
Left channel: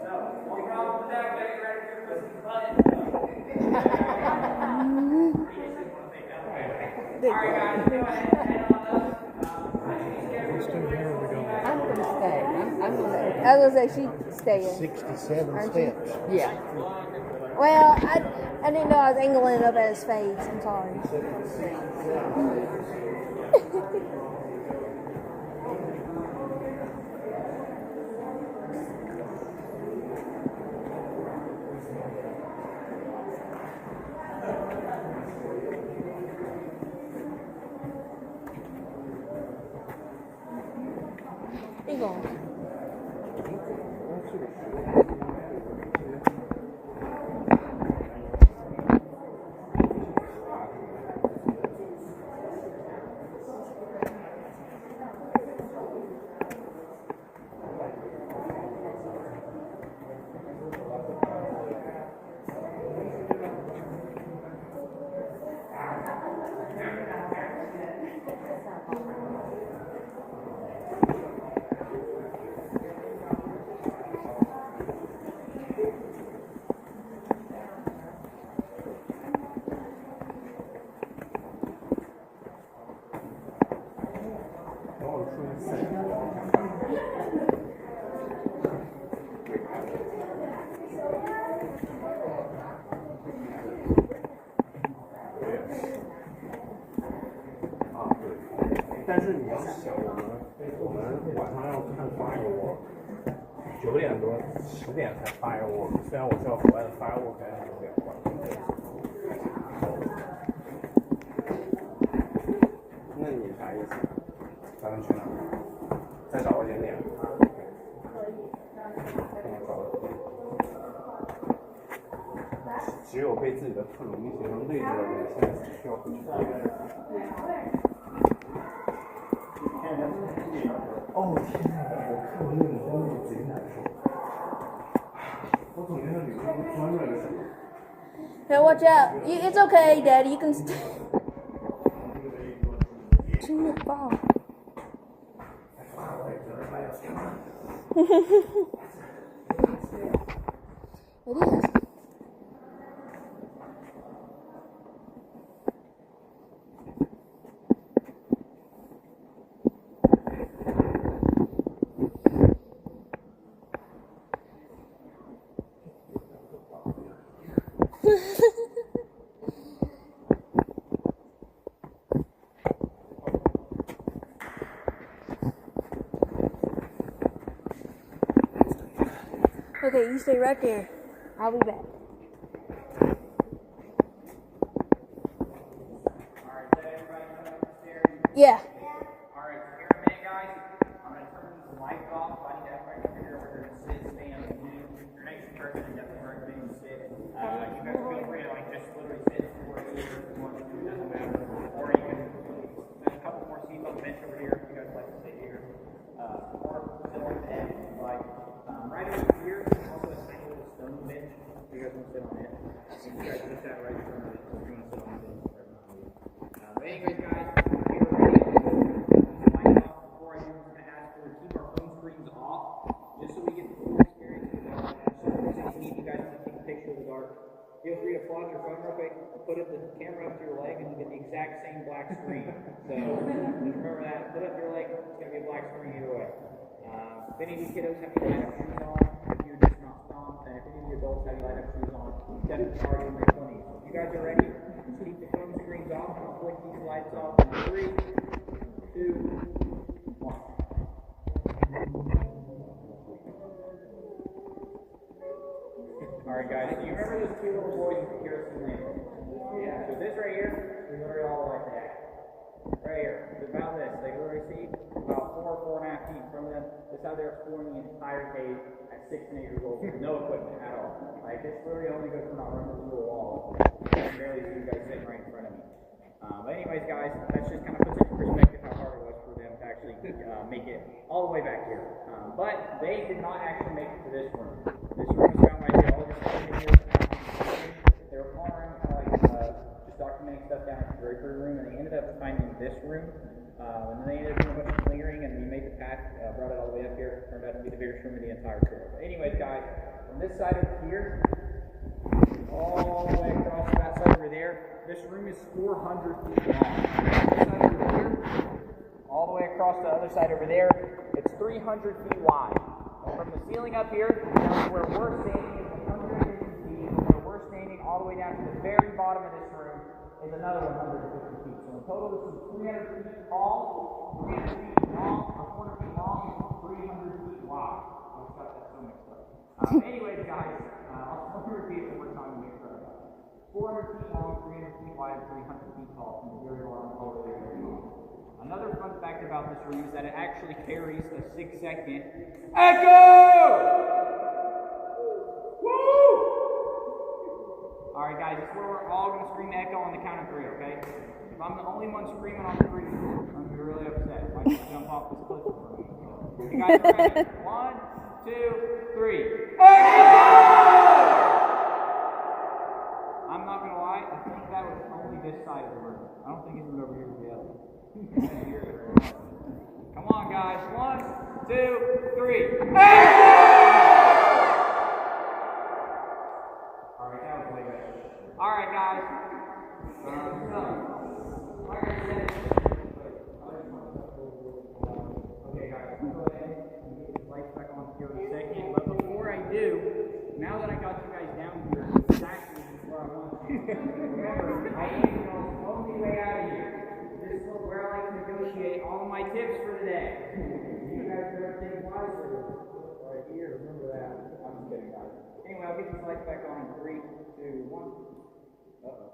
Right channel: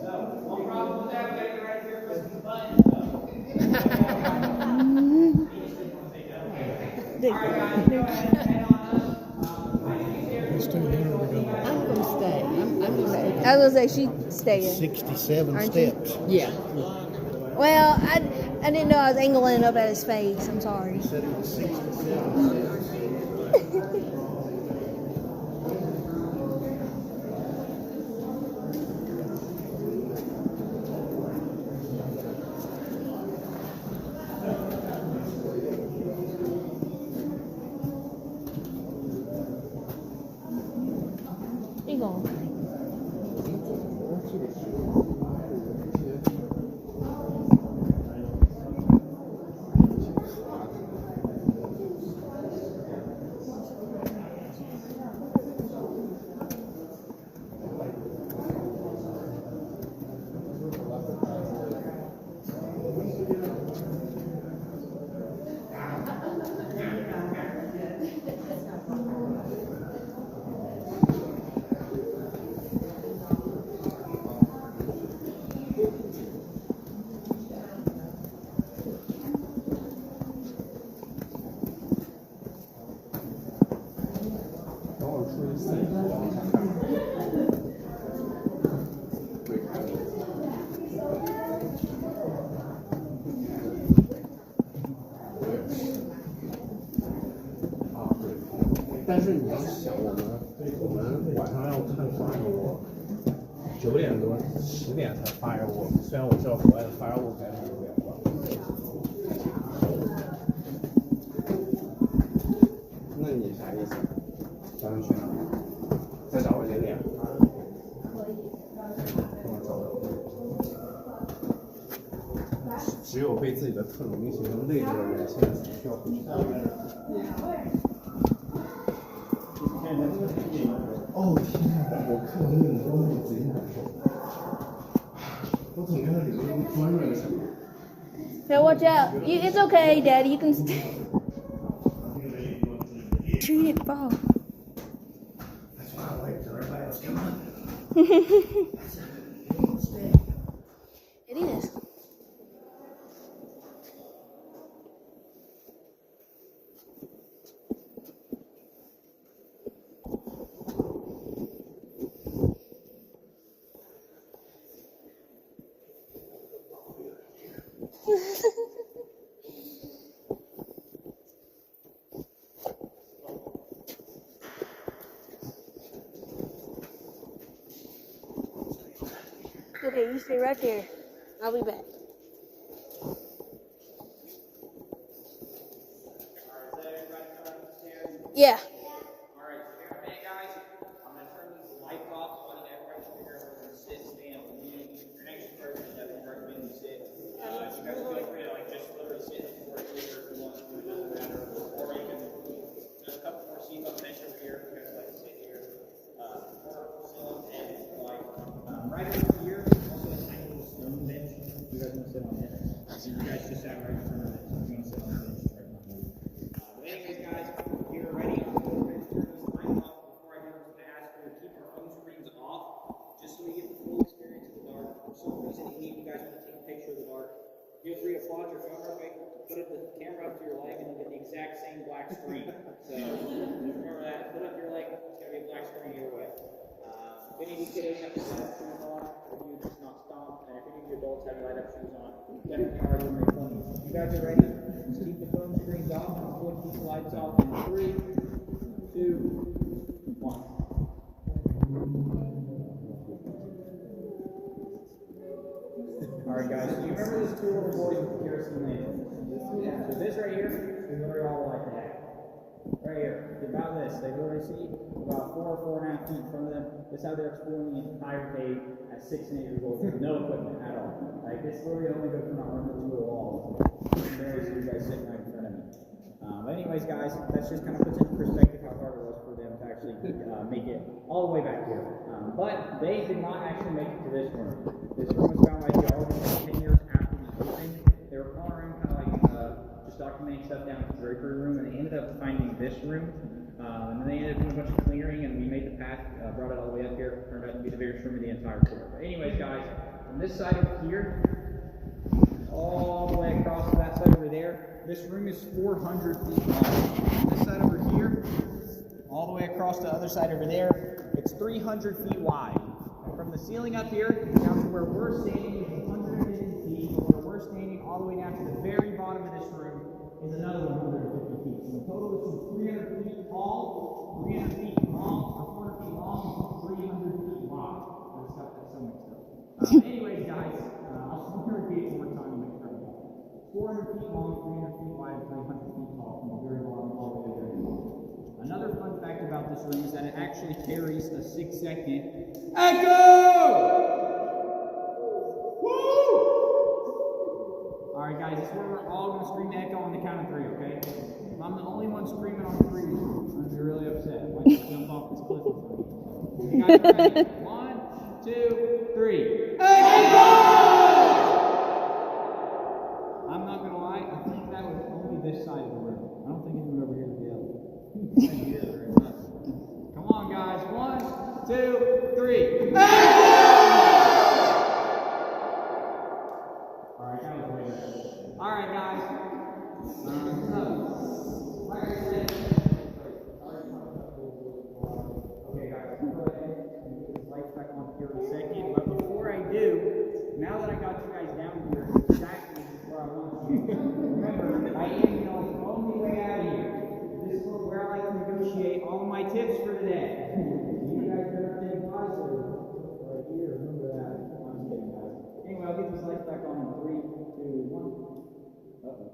So, one problem with that, we gotta get ready for your Christmas button. Alright guys, go ahead and head on up. I'm going to stay. I'm going to stay. I was gonna say she's staying. 67 Aren't you? steps. Yeah. Well, I didn't know I was angling up at his face. I'm sorry. Eagle.但是你要想，我们晚上要看 firework， 9点多10点才 firework， 虽然我知道国外的 firework 还是9点关。那你啥意思？咱们去哪儿？再找个景点。只有被自己的特种兵形成内疚的人，现在才需要回去大院。哦天哪！我看到那个光就贼难受，我总觉得里面钻着个什么。Hey, watch out! It's okay, Daddy. You can stay. Turn it ball. That's why I like everybody else. Come on. It is. Okay, you stay right there. I'll be back. Yeah. Alright, so here in a minute, guys, I'm going to turn these lights off, so I need everybody to figure out where to sit, stand, and lean. Your next person, I definitely recommend you sit. You guys feel free to just literally sit where it is if you want to, it doesn't matter. Or you can, there's a couple more seats on the bench over here if you guys like to sit here. Or ceiling and like, right over here, also a tiny little stone bench. If you guys want to sit on it. You guys just sat right in front of it. If you want to sit on the bench, but anyways, guys, we are ready to go these lights off. Before I do, I'm going to ask you to keep our phone screens off, just so we get the full experience of the dark. For some reason, if any of you guys want to take a picture of the dark, feel free to flaunt your phone real quick, put the camera up to your leg, and you'll get the exact same black screen. So just remember that. Put up your leg, it's going to be a black screen either way. If any of you kiddos have your light up shoes on, if you're just not stomped, and if any of you adults have your light up shoes on, definitely already in your 20s. If you guys are ready, just keep the phone screens off. I'll flick these lights off in 3, 2, 1. Alright guys, do you remember those two little boys with the kerosene lanterns? Yeah. So this right here, we literally all like that. Right here, it's about this. They literally see about 4.5 feet in front of them. This is how they're exploring the entire cave at 6 and 8 years old with no equipment at all. Like this literally only goes from out one of those little walls. I can barely see you guys sitting right in front of me. But anyways, guys, that just kind of puts into perspective how hard it was for them to actually make it all the way back here. But they did not actually make it to this room. This room was found by geologists 10 years after the shooting. They were following kind of like just documenting stuff down at the drapery room, and they ended up finding this room. And then they ended up doing a bunch of clearing, and we made the path, brought it all the way up here. Turned out to be the biggest room of the entire tour. But anyways, guys, from this side over here, all the way across to that side over there, this room is 400 feet long. From this side over here, all the way across to the other side over there, it's 300 feet wide. And from the ceiling up here down to where we're standing is 150 feet. From where we're standing all the way down to the another 150 feet. So in total, this is 300 feet tall, 300 feet long, 400 feet long, and 300 feet wide. I just got that so mixed up. Anyways, guys, I'll repeat it one more time to make sure I got it. 400 feet long, 300 feet wide, and 300 feet tall from the very bottom all the way to the very top. Another fun fact about this room is that it actually carries a 6-second echo! Alright guys, this is where we're all going to scream echo on the count of 3, okay? If I'm the only one screaming on 3, I'm going to be really upset. I might just jump off this cliff in front of me. So, you guys are ready? 1, 2, 3. Echo! I'm not going to lie, I think that was only this side of the room. I don't think anyone over here would be able to. Come on guys, 1, 2, 3. Alright, that was way better. Alright guys, so, like I said, okay guys, I'm going to go ahead and get this light back on here in a second, but before I do, now that I got you guys down here, exactly where I want you, remember, I am going the only way out of here. This is where I like to negotiate all my tips for today. You guys better think wisely right here, remember that. I'm just kidding guys. Anyway, I'll get these lights back on in 3, 2, 1. Uh-oh.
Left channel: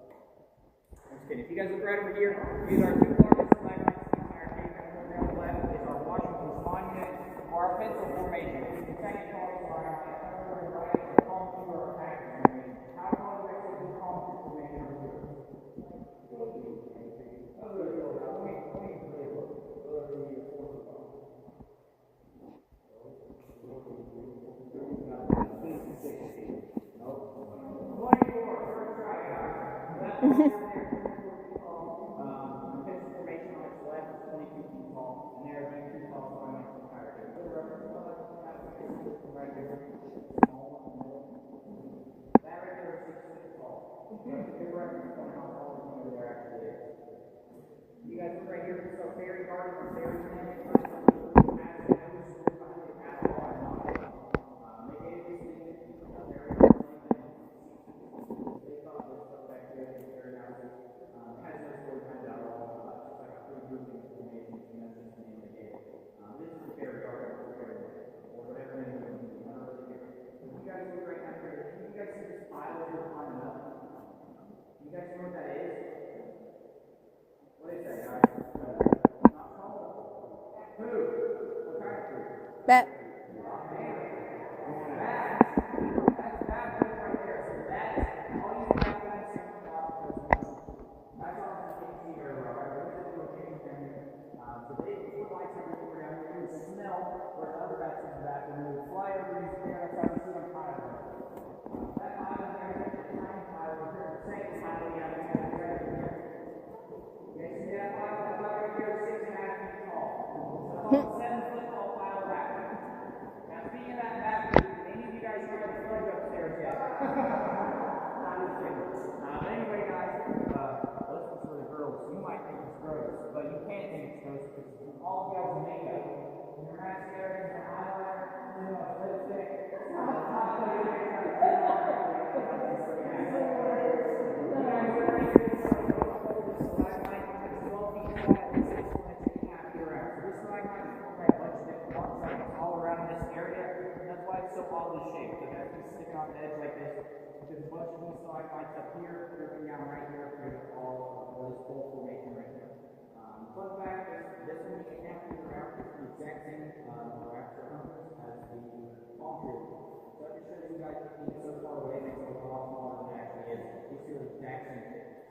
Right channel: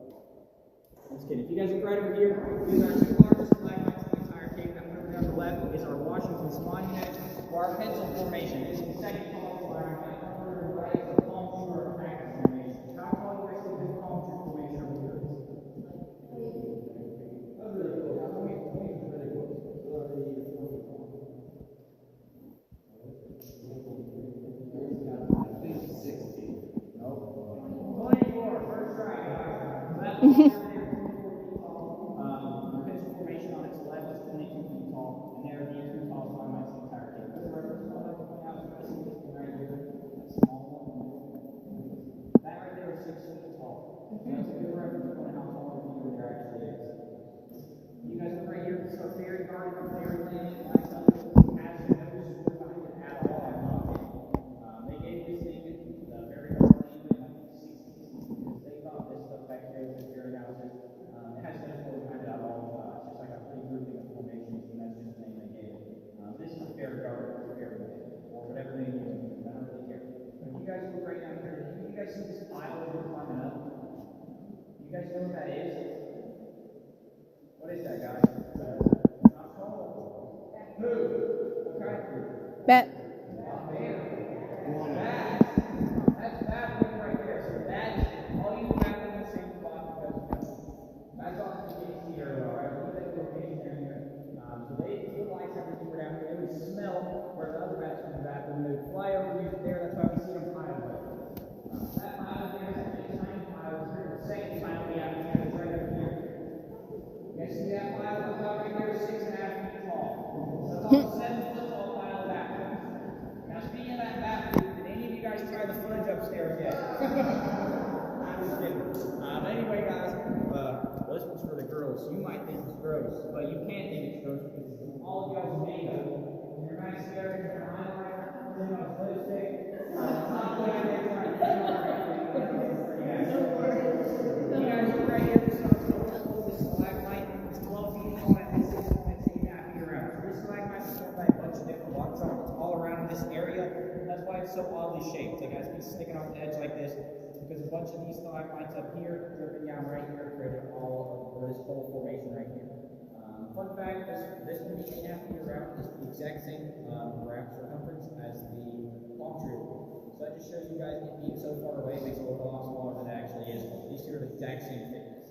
I'm just kidding. If you guys look right over here, these are 2 largest stalagmites in the entire cave. That one down the left is our Washington's Monument, or our pencil formation. It's the second tallest stalagmite. On the right is the palm tree or cactus formation. How tall do you guys think this palm tree formation over here is? That's really cool. Let me really close. Really 4 foot tall. 60. Nope. 24. First try, guys. That's the pencil formation on its left is 22 feet tall, and there are the 2 tall stalagmites in the entire cave. That's a reference point I point out. You guys see this one right here? Small one in the middle. That right there is 6 feet tall. That's a good reference point how tall the view there actually is. You guys look right here. This is our fairy garden or fairy planet. My son has no school behind it at all. I'm not kidding. They gave this name fairy garden name in the 60s because they thought this stuff back there was fairy houses. It has no school behind it at all. It's just like a pretty grouping of formations, and that's just the name they gave it. This is a fairy garden or fairy planet or whatever name you want to use. I don't really care. But you guys look right down here. You guys see this pile over climbing up? You guys know what that is? What is that, guys? Not tall. Who? What kind of food? Bet. That's that one right there. So that's, I'll use that one in the same spot because that's off the BC area, alright? Look at the location down here. So they put lights everywhere down here. They would smell where the other bats from the bathroom. They would fly over you there. That's why you see them piles right there. That pile is there. It's a tiny pile. It's the second pile we have in here. It's right over here. You guys see that pile comes out right there? 6.5 feet tall. That's almost 7 foot tall pile of that. Now speaking of that bathroom, did any of you guys try the fudge upstairs yet? I'm just kidding. Anyway, guys, well, this one's for the girls. You might think it's gross, but you can't think it's gross because all of you guys are made of it. And your mascara, your eyeliner, your lipstick. You guys are right here. This stalagmite is 12 feet tall. That is 6 feet around. So this stalagmite is formed by a bunch of different rock fragments all around this area. And that's why it's so oddly shaped. It has to be sticking off the edge like this. Because a bunch of these stalagmites up here, dripping down right here, created all this whole formation right here. Fun fact, this one is 8.5 feet around. It's the exact same around circumference as the palm tree. So that just shows you guys it being so far away makes it look a lot smaller than it actually is. These two are the exact same thickness.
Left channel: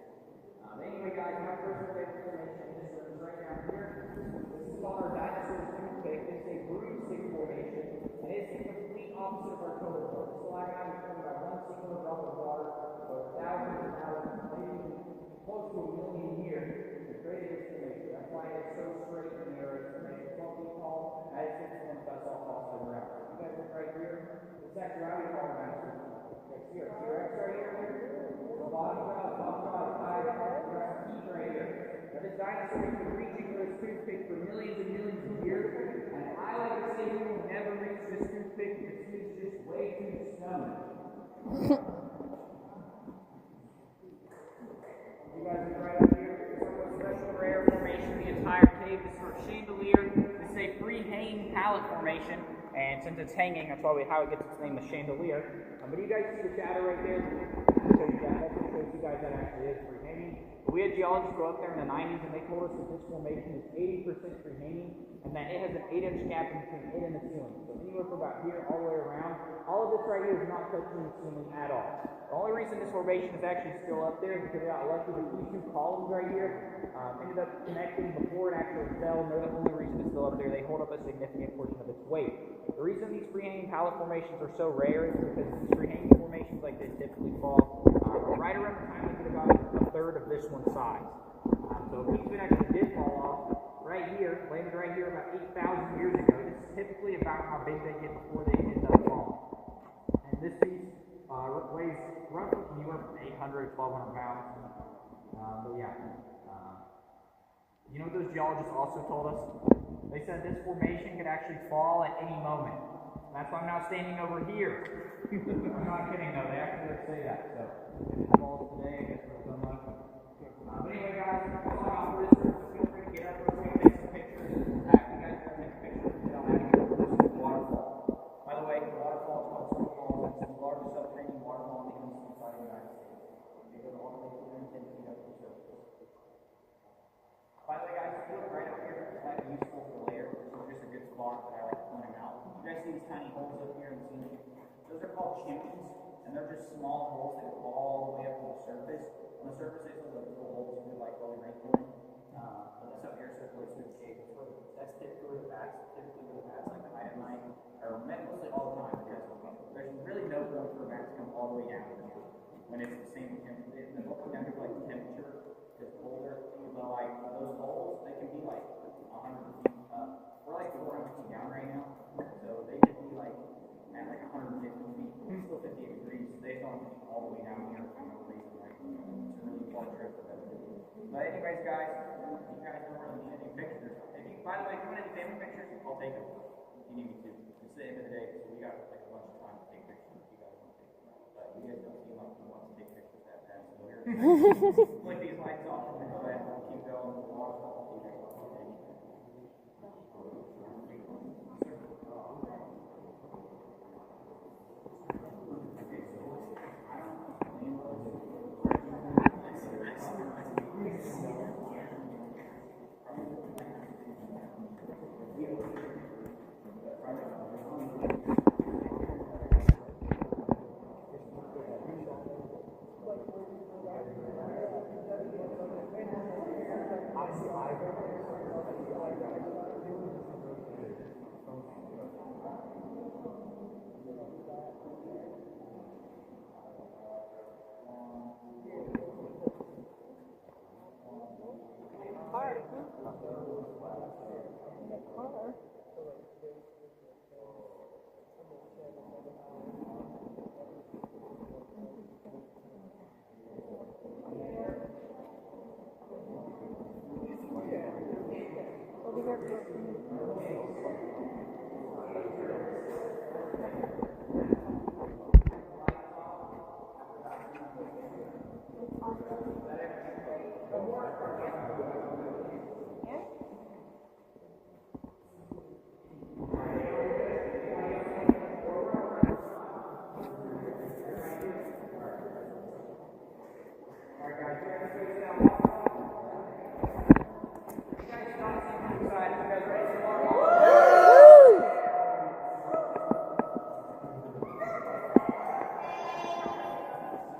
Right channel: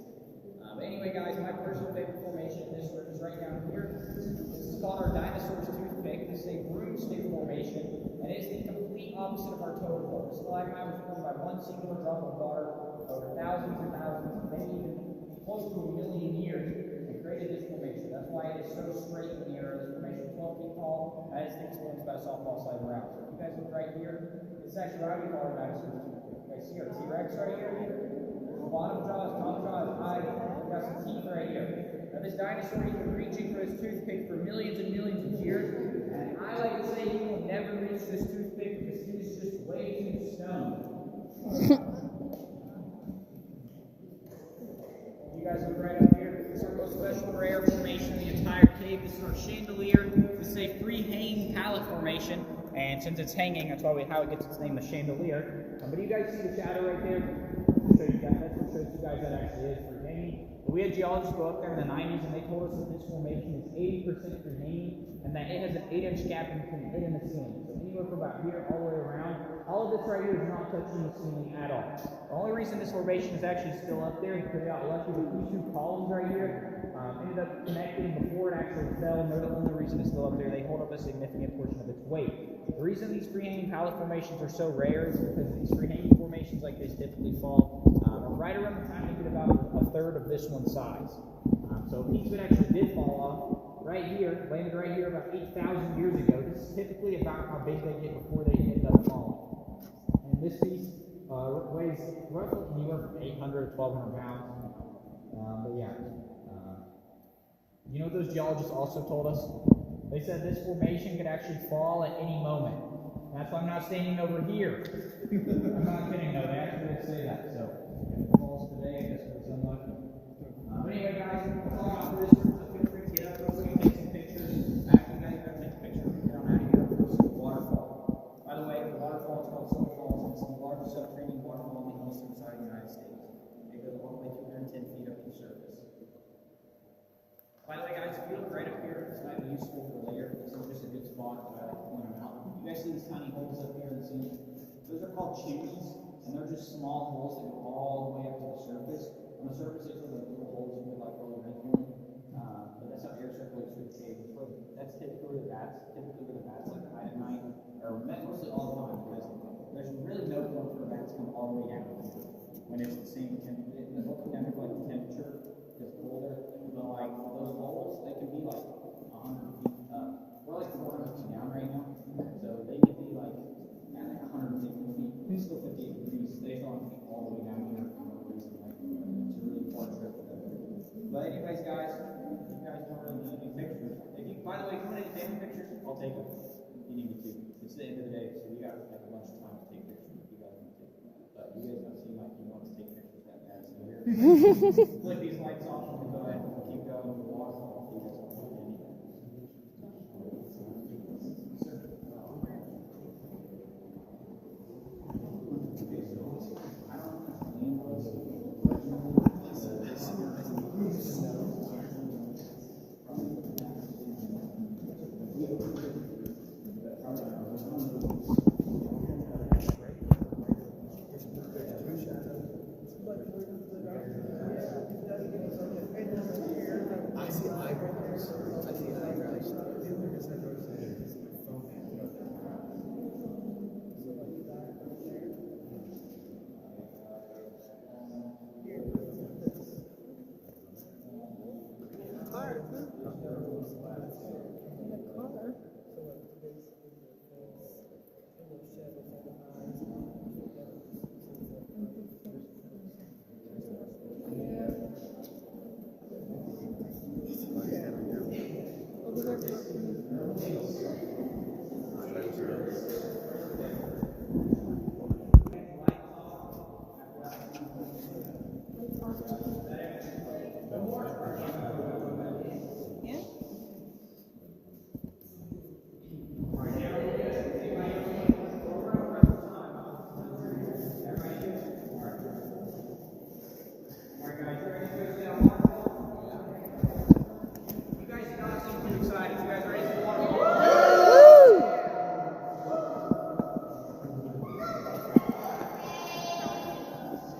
Anyway, guys, my personal favorite formation in this room is right down here. This is called our dinosaur's toothpick. This is a broomstick formation, and it is the complete opposite of our totem pole. The stalagmite was formed by one single drop of water over thousands and thousands, maybe even close to 1 million years, that created this formation. That's why it is so straight in the air. This formation is 12 feet tall. That is the experience by softball side route. So if you guys look right here, this is actually right in our dinosaurs. Okay, see our T-Rex right here? The bottom jaw is top jaw is high. We got some teeth right here. Now this dinosaur has been reaching for his toothpick for millions and millions of years. And I like to say he will never reach this toothpick because he's just way too stoned. You guys guys look right up here. This is our most special rare formation in the entire cave. This is our chandelier. This is a free hanging pallet formation, and since it's hanging, that's how it gets its name, a chandelier. But you guys see the shadow right there? That's what shows you guys that actually is free hanging. But we had geologists go up there in the 90s, and they told us that this formation is 80% free hanging, and that it has an 8-inch gap in between it and the ceiling. So anywhere from about here all the way around, all of this right here is not touching the ceiling at all. The only reason this formation is actually still up there is because they got lucky that these two columns right here ended up connecting before it actually fell, and they're the only reason it's still up there. They hold up a significant portion of its weight. The reason these free-hanging pallet formations are so rare is because these free-hanging formations like this typically fall right around the time they get about a third of this one's size. So a piece of it actually did fall off right here, landed right here about 8,000 years ago. This is typically about how big they get before they end up falling. And this piece weighs roughly anywhere from 800 to 1,200 pounds. But yeah. You know what those geologists also told us? They said this formation could actually fall at any moment. That's why I'm not standing over here. I'm not kidding though, they actually did say that. So if it falls today, I guess it was unlucky. But anyway guys, that's all I got for this room, so feel free to get up real quick, take some pictures. After you guys are going to take pictures, get on out of here. This is the waterfall. By the way, the waterfall is called SilverFalls, and it's the largest subterranean waterfall on the eastern side of the United States. It goes all the way 210 feet up to the surface. By the way, guys, if you look right up here, this might be useful for later. This is just a good spot that I like to point them out. You guys see these tiny holes up here in the ceiling? Those are called chimneys, and they're just small holes that go all the way up to the surface. On the surface, there's those little holes you could like roll your ankle in. But that's how air circulates through the cave. That's typically where the bats like to hide at night, or mostly all the time, because there's really no point for a bat to come all the way down when it's the same temperature. And they'll come down here like the temperature is colder. But like those holes, they can be like 100 feet up. We're like 400 feet down right now, so they could be like at like 150 feet. It's still 58 degrees. They don't have to be all the way down here for no reason. Right? It's a really far trip for them. But anyways, guys, you guys don't really need any pictures. By the way, if you want to take pictures, I'll take them. If you need me to. It's the end of the day, so we got like a bunch of time to take pictures if you guys want to. But you guys don't seem like you want to take pictures that bad, so we're flick these lights off and go ahead and keep going with the waterfall. If you guys want to take anything.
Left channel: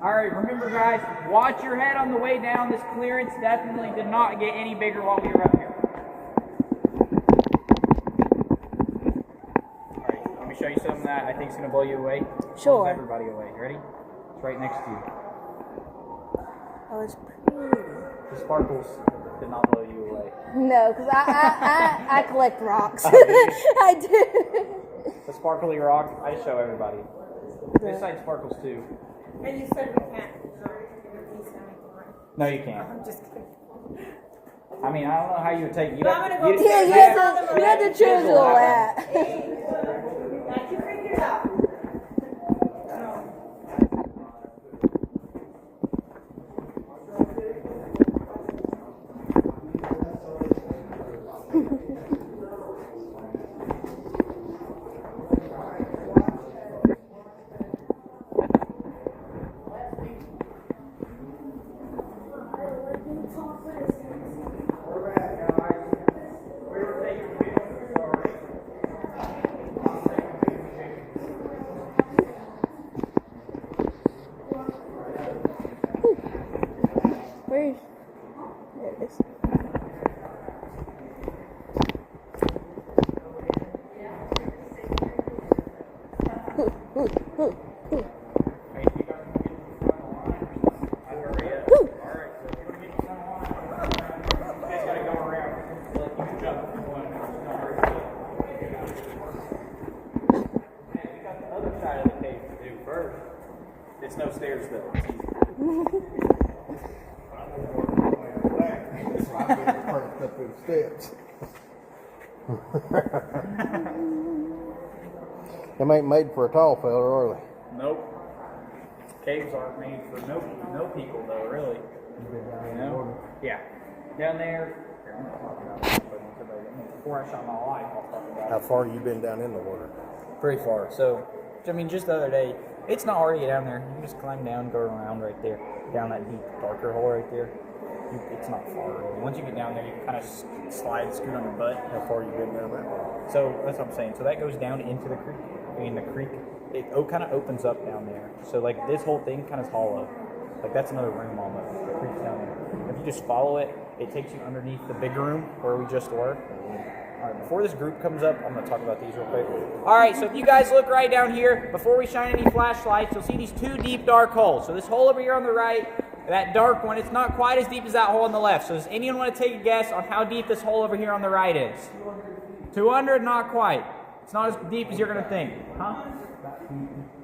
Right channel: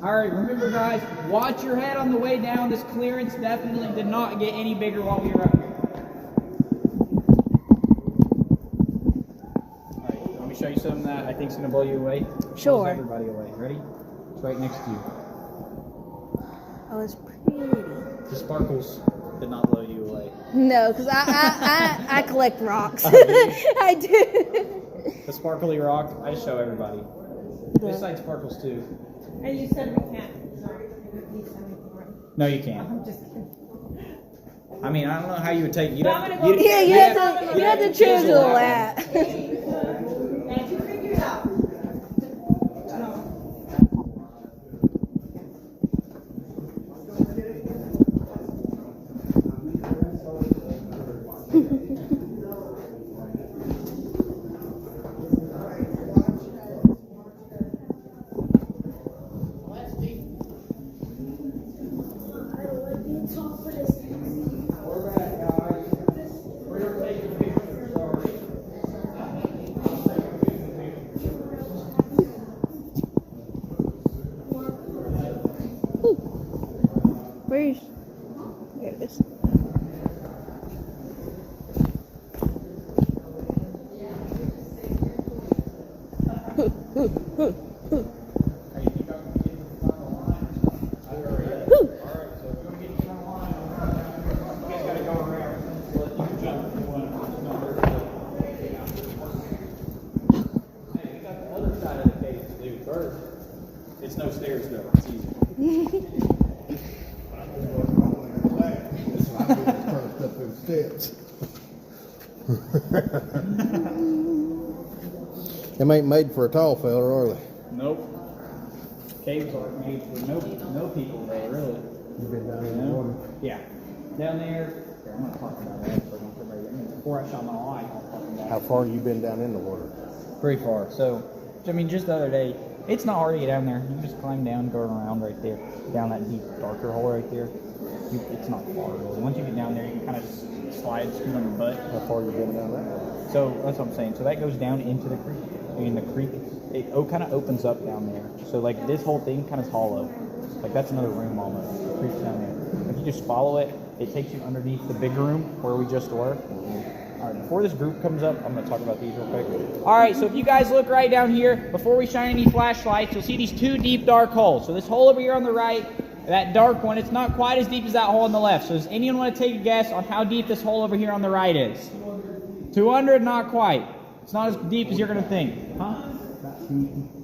Alright, remember guys, watch your head on the way down. This clearance definitely did not get any bigger while we were up here. Alright, let me show you something that I think is going to blow you away. Sure. Blows everybody away. You ready? It's right next to you. Oh, it's pretty. The sparkles did not blow you away. No, because I collect rocks. Oh, do you? I do. The sparkly rock, I show everybody. This side sparkles too. And you said we can't. Sorry, these sound. No, you can't. I'm just kidding. I mean, I don't know how you would take it. But I'm gonna go- Yeah, you have to chisel that. Got you figured out. Where's... There it is. It's no stairs though, it's easy. That's why I get perked up those steps. Them ain't made for a tall fella, are they? Nope. Caves aren't made for no people though, really. You been down You in the water? know? Yeah. Down there. Here, I'm gonna talk about that, but before I shot my light, I'll talk about How far you been down in the water? Pretty far. So, I mean, just the other day, it's not hard to get down there. You can just climb down, go around right there, down that deep, darker hole right there. It's not far, really. Once you get down there, you can kind of slide, scoot on your butt. How far you been down that way? So, that's what I'm saying. So, that goes down into the creek. I mean, the creek, it kind of opens up down there. So, like, this whole thing kind of is hollow. Like, that's another room almost. The creek's down there. If you just follow it, it takes you underneath the big room where we just were. All right, before this group comes up, I'm going to talk about these real quick. All right, so if you guys look right down here, before we shine any flashlights, you'll see these two deep, dark holes. So this hole over here on the right, that dark one, it's not quite as deep as that hole on the left. So does anyone want to take a guess on how deep this hole over here on the right is? 200? Not quite. It's not as deep as you're going to think. Huh?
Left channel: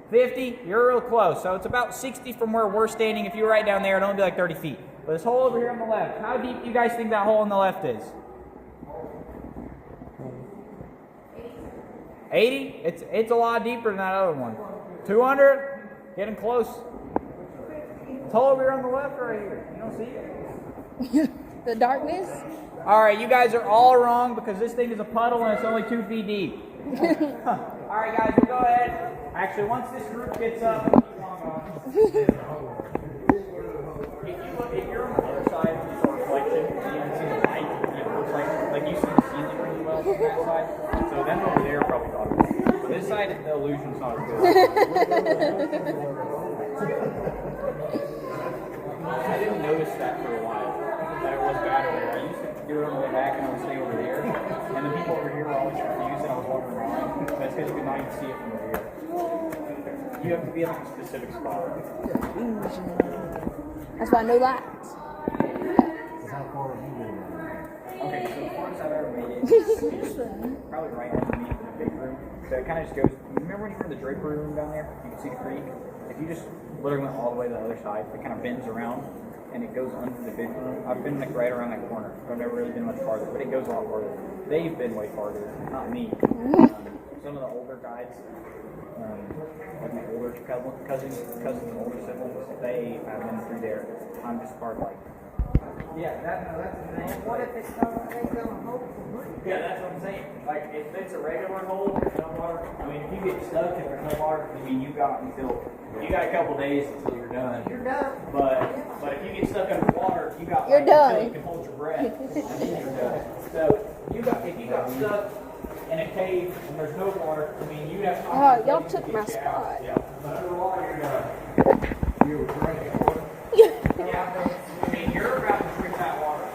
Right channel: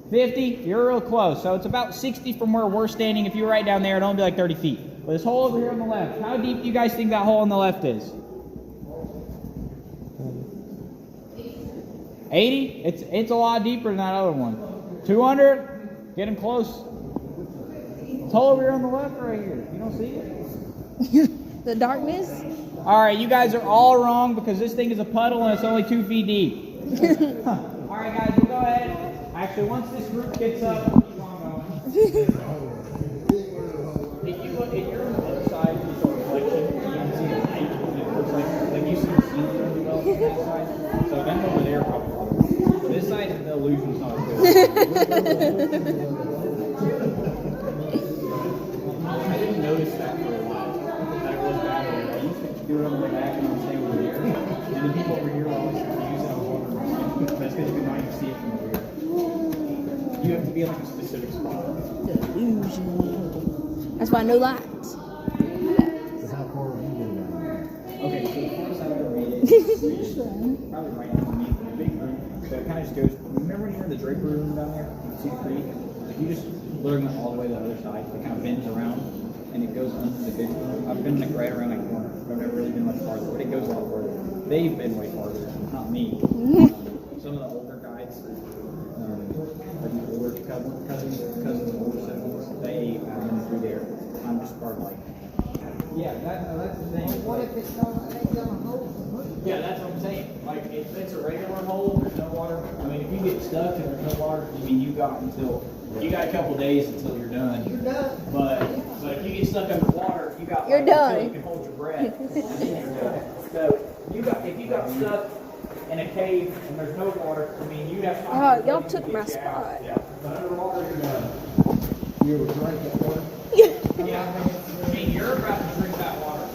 50? You're real close. So it's about 60 from where we're standing. If you were right down there, it'd only be like 30 feet. But this hole over here on the left, how deep do you guys think that hole on the left is? 80? It's a lot deeper than that other one. 200? Getting close. It's hole over here on the left right here. You don't see it? The darkness? All right, you guys are all wrong because this thing is a puddle and it's only 2 feet deep. All right, guys, we'll go ahead. Actually, once this group gets up, keep on going. If you're on the other side, it's a reflection. You can see the light, and it looks like you see the ceiling really well on that side. So them over there are probably water. This side, the illusion's not as good. I didn't notice that for a while, that it was bad over there. I used to do it on the way back and I would stay over there. And the people over here were always confused that I was walking around. That's because you could not even see it from over here. You have to be in like a specific spot. That's why no lights. How far have you been down? Okay, so the farthest I've ever made it is probably right underneath the big room. So it kind of just goes, remember when you're in the drapery room down there? You can see the creek? If you just literally went all the way to the other side, it kind of bends around and it goes under the big room. I've been like right around that corner. I've never really been much farther, but it goes a lot farther. They've been way farther, not me. Some of the older guides, like my older cousins, older siblings, they have been through there. I'm just part of like, yeah, that's the thing. What if it's not, they don't hold? Yeah, that's what I'm saying. Like, if it's a regular hole, there's no water. I mean, if you get stuck and there's no water, I mean, you got a couple days until you're done. You're done. But if you get stuck underwater, you got You're like, done. until you can hold your breath, and then you're done. So if you got stuck in a cave and there's no water, I mean, you have to. Oh, y'all took my spot. Yeah, but underwater, you're done. You ever drank that water? Yeah, I mean, you're about to drink that water.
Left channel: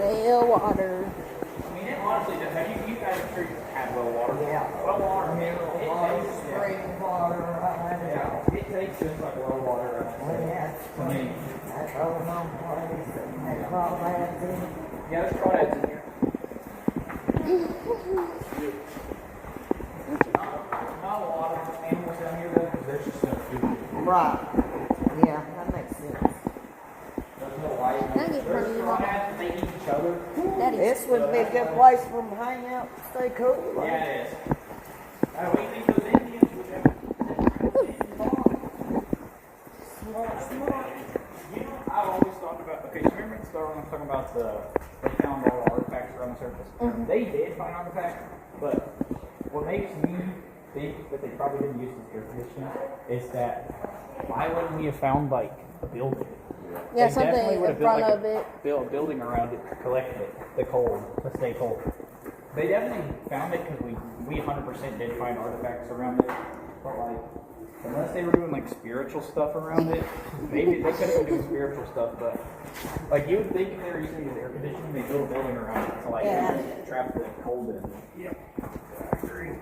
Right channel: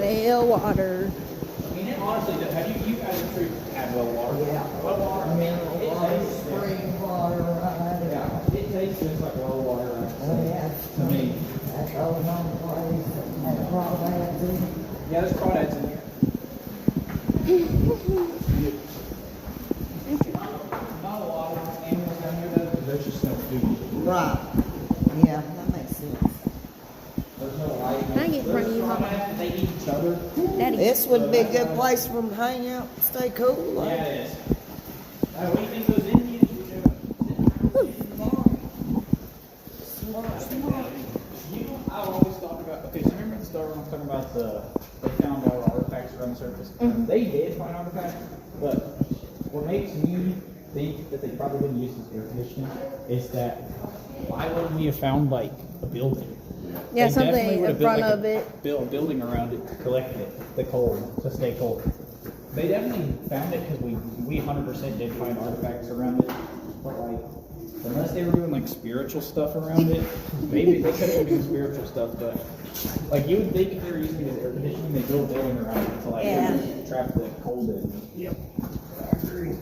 Well, water. I mean, it honestly does. Have you guys had well water? Yeah. Well water. Mineral water, spring water, Yeah, it tastes just like well water. yeah. To me. That's all known place that has problem has in it. Yeah, there's crawdads in here. Not a lot of animals down here though, because there's just no food. Right. Yeah, that makes sense. There's no light. Can I get in front of you, Mom? Crawdads, they eat each other. Daddy. This would be a good place for them to hang out and stay cool. Yeah, it is. What do you think those Indians would do? Smart. You know, I've always thought about, okay, so remember at the start when I was talking about they found all the artifacts around the surface? They did find artifacts, but what makes me think that they probably didn't use this air conditioning is that why wouldn't we have found like a building? Yeah, They something definitely would in have built, front like, of it. Built a building around it to collect it, the cold, to stay cold. They definitely found it because we 100% did find artifacts around it, but like, unless they were doing like spiritual stuff around it, maybe they could have been doing spiritual stuff, but like you would think if they were using it as air conditioning, they built a building around it to like trap the cold in. Yep. I agree.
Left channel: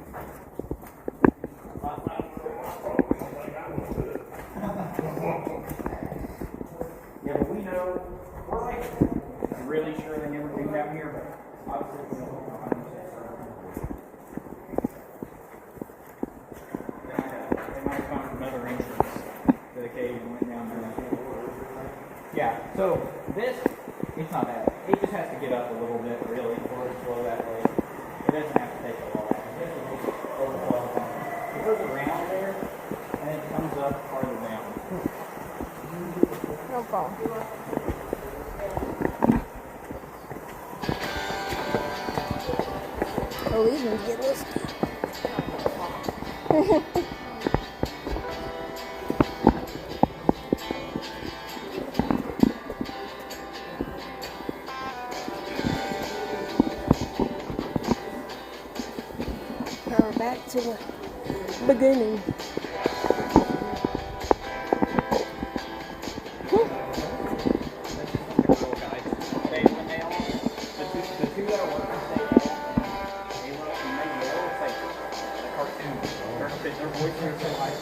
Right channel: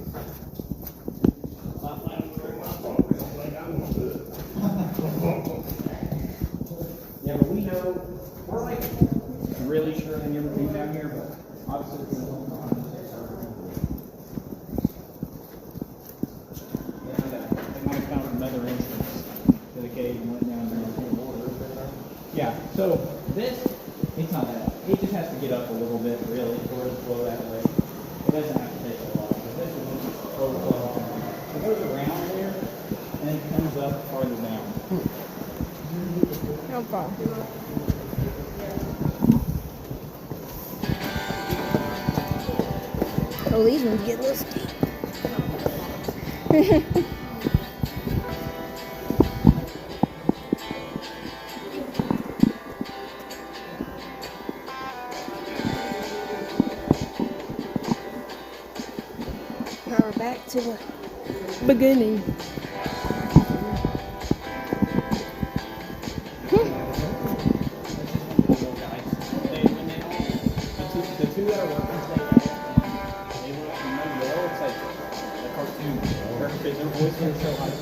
Yeah, but we know, we're like really sure they never came down here, but obviously we don't know 100% certain. They might have found another entrance to the cave and went down there. Yeah, so this, it's not that. It just has to get up a little bit, really, for it to flow that way. It doesn't have to take a lot. This will make it overflow. It goes around there, and then it comes up farther down. How far? Oh, these ones get listed. We're back to the beginning. The two that are working today, they went up in Maryville. It's like a cartoon. Their voices are so high.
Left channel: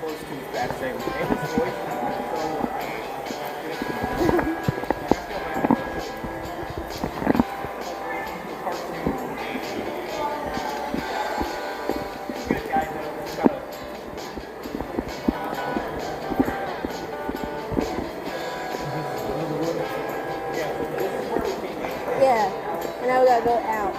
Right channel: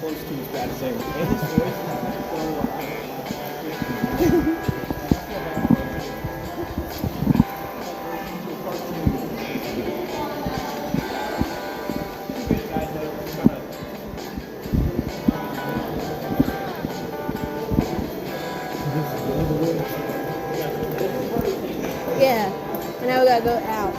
Close to as bad as they were. Hey, this voice is so Yeah, and now we gotta go out.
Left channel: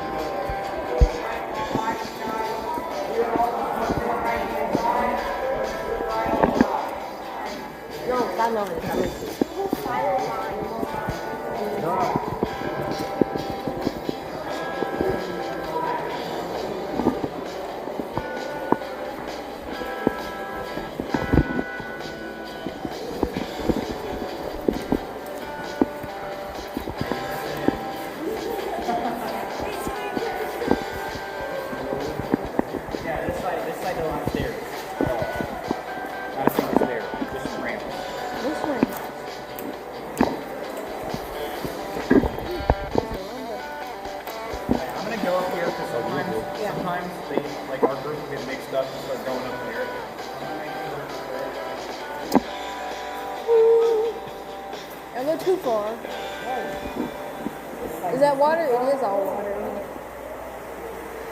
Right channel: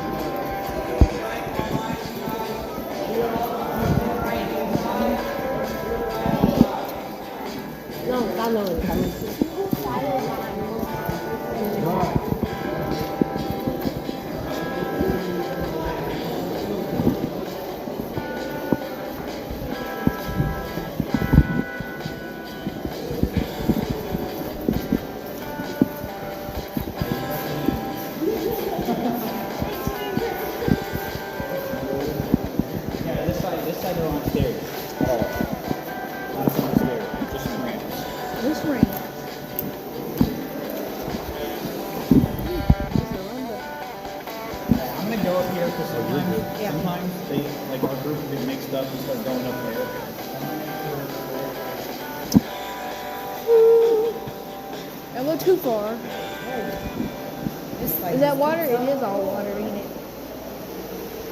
No, I know it's coming. this side no on stairs at all. Not a single stair. This is ramp. This ring. I'm gonna go up here because sometimes they like our group will get mixed up and start going up there. I go too far. Is that water? It is all water, isn't it?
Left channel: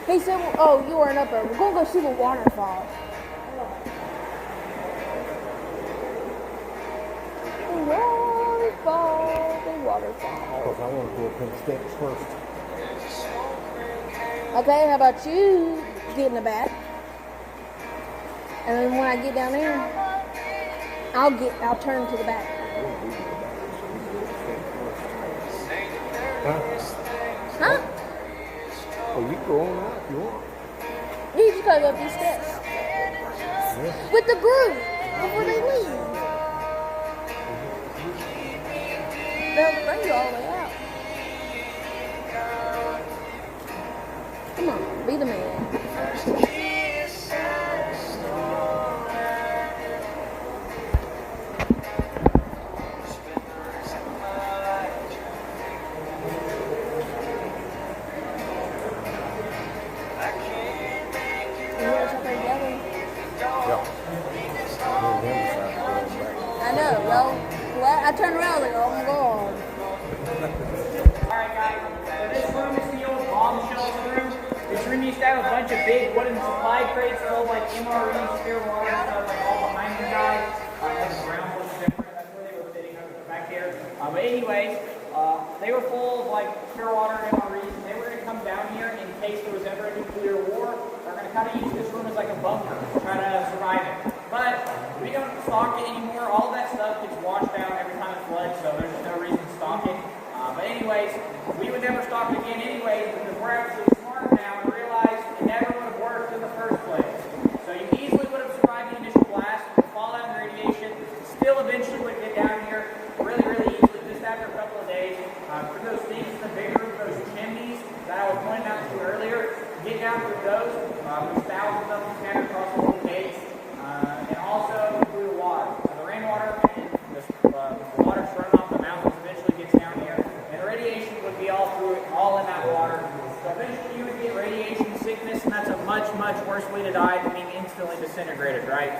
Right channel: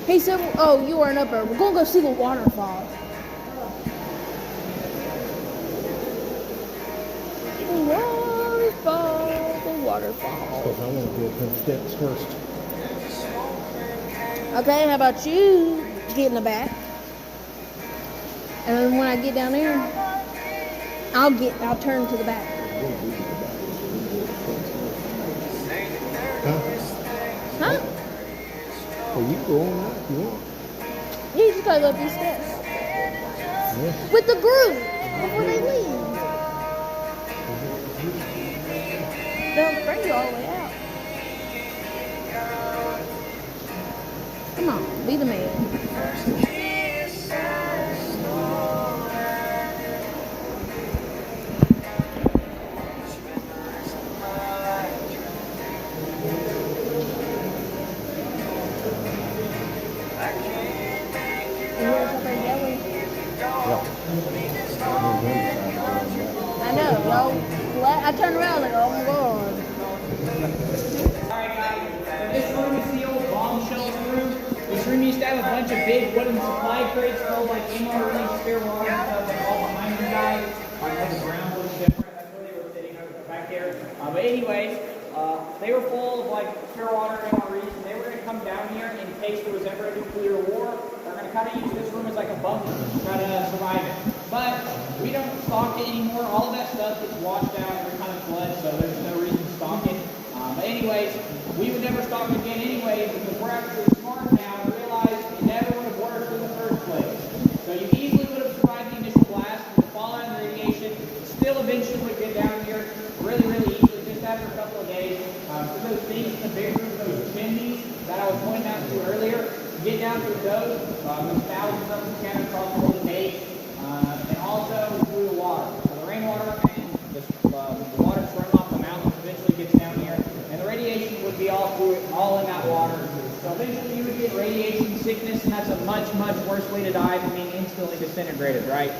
Hey, so, oh, you weren't up there. We're gonna go see the waterfall. The waterfall, the waterfall. Because I want to do a couple steps first. Okay, how about you get in the back? And then when I get down there, I'll turn to the back. Huh? Oh, you can go on that if you want. You just gotta go up these steps. Yeah. With the group before they leave. They'll bring you all the way out. Come on, be the man. I know, well, I turned around and oh my god. Alright guys, so this room is the old bombshell room. This room used to have a bunch of big wooden supply crates filled like MREs, spare water, and stuff like all behind the guys. The ground was different, that's where they were sitting back here. But anyways, they were full of like spare water and MREs, and they were going to come down here in case there was ever a nuclear war. They're going to kind of use this room as like a bunker to try to survive it. But we don't stock it anymore. All of that stuff gets washed down every time it floods, so there's no reason to stock it. But anyways, we would never stock it again anyways because we're actually smart now and realize it never would have worked in the first place. So you easily would have survived the initial blast. still eventually would get down here really, really easily just after a couple of days. For those things in the big room, those chimneys that I was pointing out to you earlier, get down through those. There's thousands of them scattered across the whole cave. And also through the water. So the rainwater and the water running off the mountains eventually gets down here. And the radiation would be all through it, all in that water. So eventually you would get radiation sickness, and that's a much, much worse way to die than being instantly disintegrated, right?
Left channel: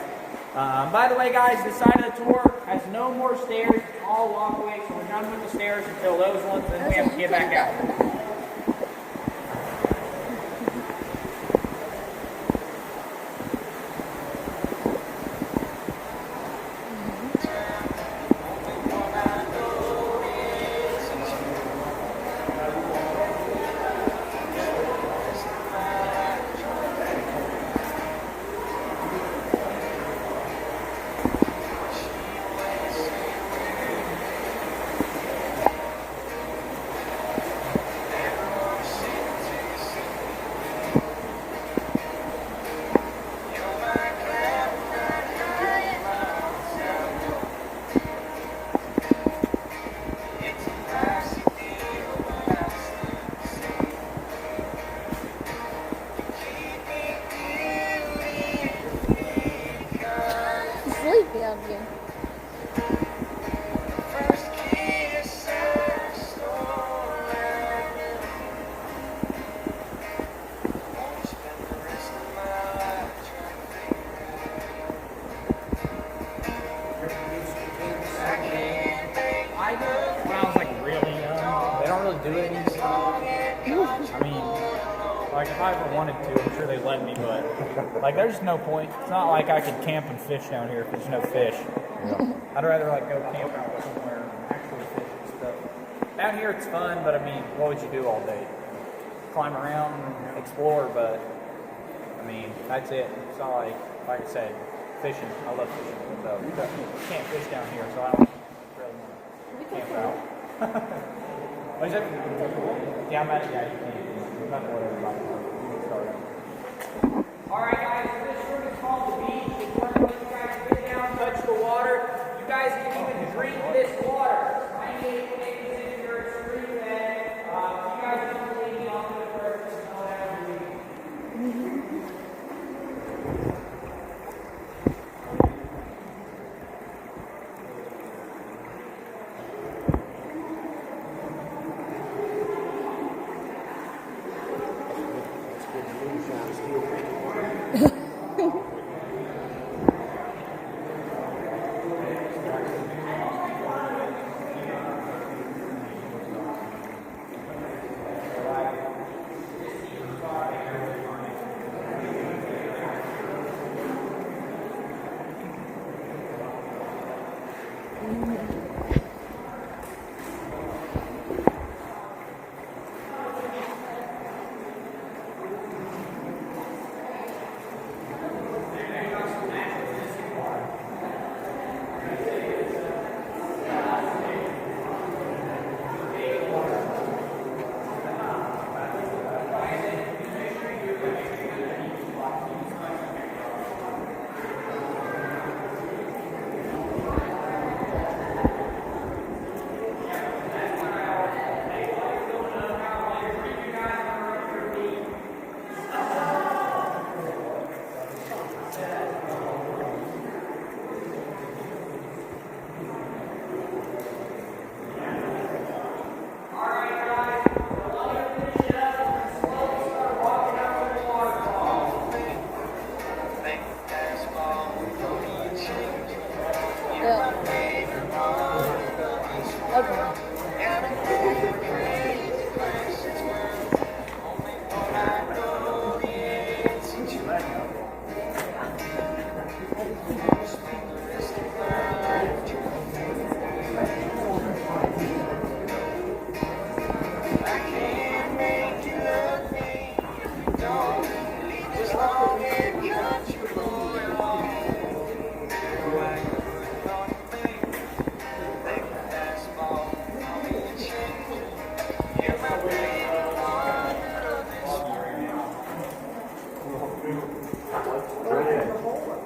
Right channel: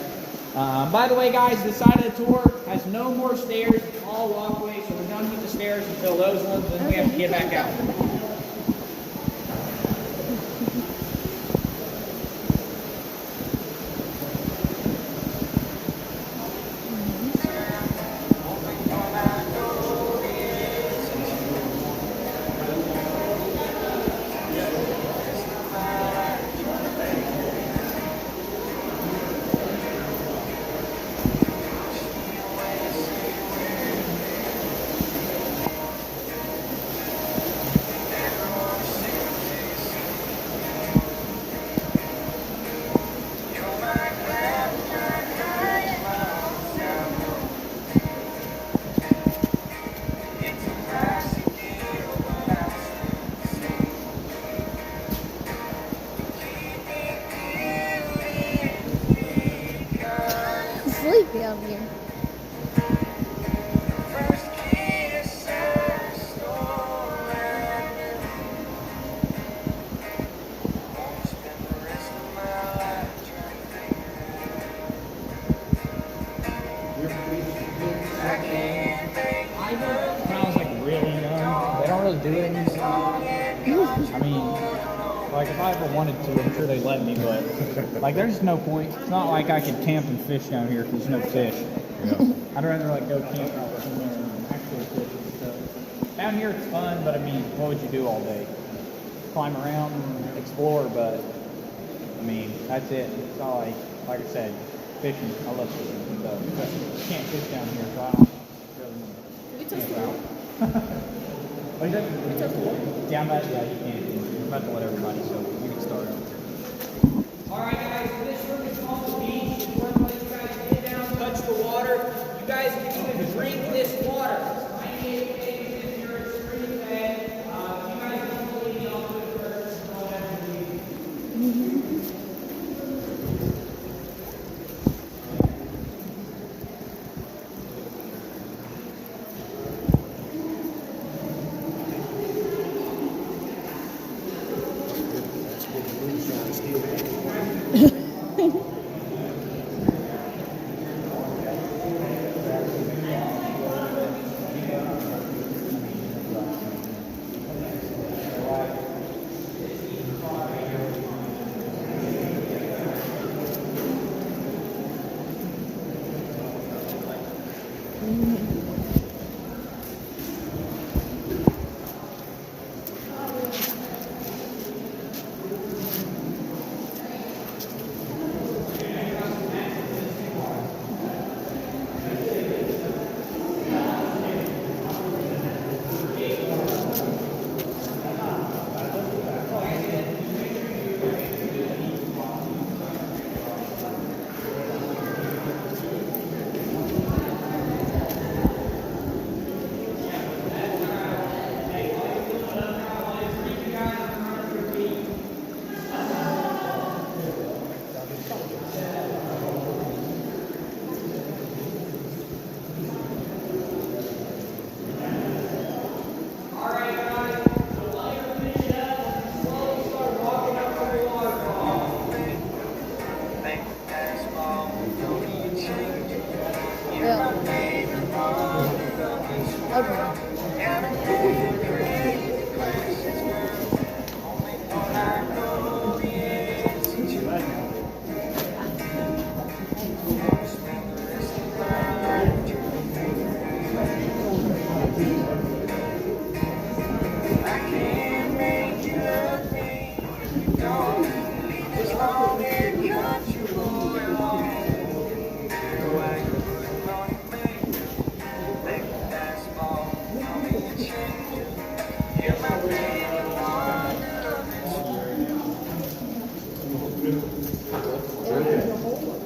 By the way, guys, this side of the tour has no more stairs, it's all walkways, so we're done with the stairs until those ones, and then we have to get back out. Sleepy out here. When I was like really young, they don't really do it anymore. I mean, like if I ever wanted to, I'm sure they'd let me, but like there's just no point. It's not like I could camp and fish down here because there's no fish. Yeah. I'd rather like go camp out somewhere and actually fish and stuff. Down here it's fun, but I mean, what would you do all day? Climb around and explore, but I mean, that's it. It's not like I say, fishing. I love fishing, so you can't fish down here, so I don't really want to camp out. What is it? Yeah, I'm about, yeah, you can. I'm about to let everybody, so we can start out. Alright guys, so this room is called the beach. It's where you guys get down, touch the water. You guys can even drink this water. 98 in your extreme bed. You guys can believe me, I'll do it first. I'll never leave you.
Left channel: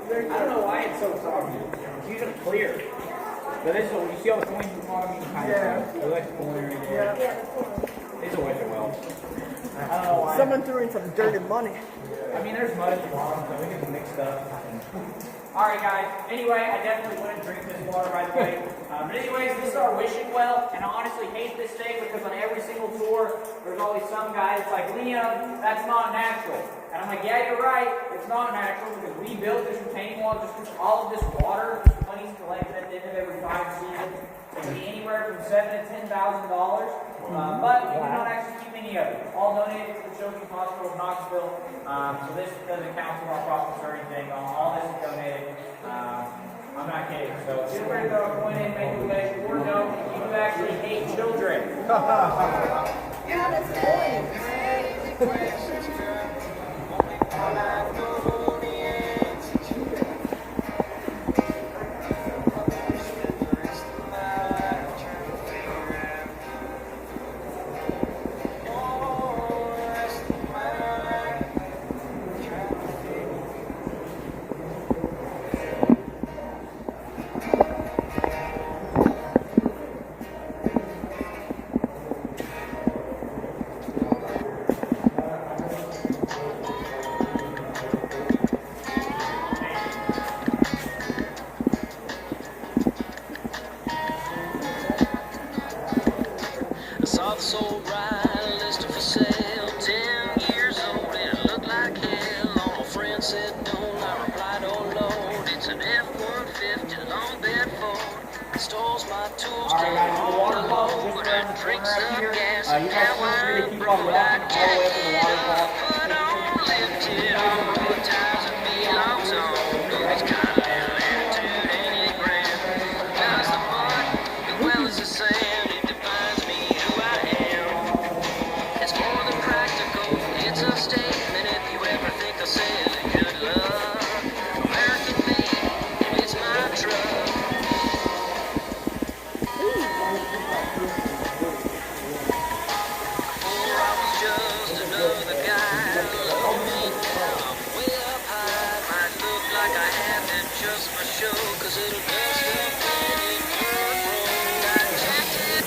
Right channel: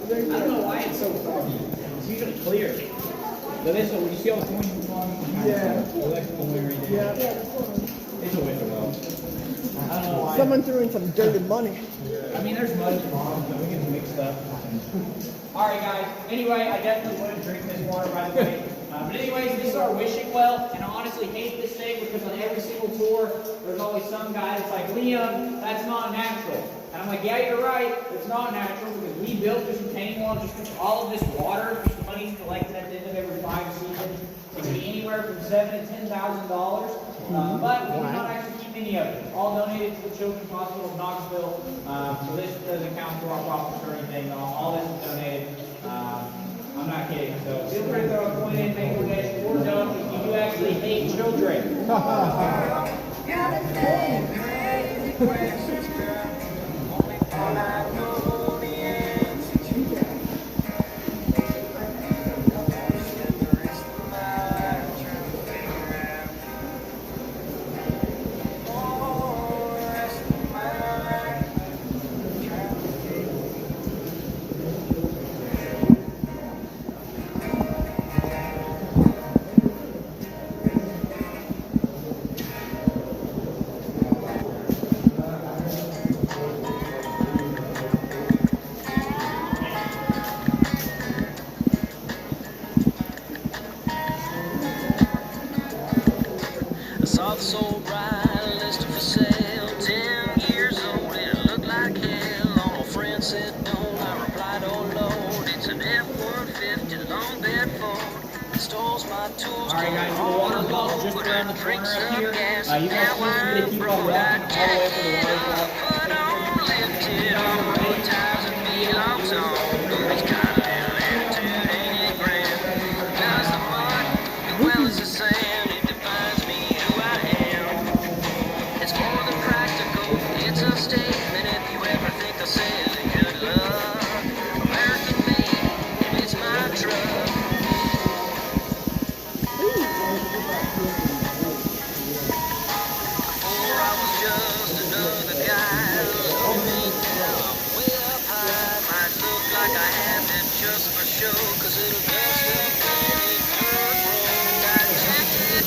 I don't know why it's so foggy. It's usually clear. So this one, you see all the points in the bottom? Yeah. Electrical wiring there. It's a winter well. I don't know why. Someone threw in some dirty money. I mean, there's mud at the bottom, so we can mix it up. Alright guys, anyway, I definitely wouldn't drink this water, by the way. But anyways, this is our wishing well, and I honestly hate this thing because on every single tour, there's always some guy that's like, Liam, that's not natural. And I'm like, yeah, you're right, it's not natural because we built this retaining wall just with all of this water, this money's collected at the end of every fire season. It can be anywhere from $7,000 to $10,000. But we do not actually keep any of it. All donated to the Children's Hospital of Knoxville. So this doesn't count for our profits or anything. All this is donated. I'm not kidding. So feel free to throw a coin in, make a wish, or don't if you actually hate children. Saw the sold bride listed for sale, 10 years old, it looked like hell. All my friends said don't, I replied, oh Lord, it's an F-150 long bed Ford. It stores my tools, can't haul the load, but it drinks up gas. Now I'm broke, I can't put on lifted off-road tires and belongs on. It's got a little attitude, ain't it grand? Does the mud as well as the sand, it defines me who I am. It's more than practical, it's a statement if you ever think I'll say it. Good luck, American made, and it's my truck. Before I was just another guy, look at me now, I'm way up high. Might look like I have it just for show, cause it'll dust up any dirt road. I checked it.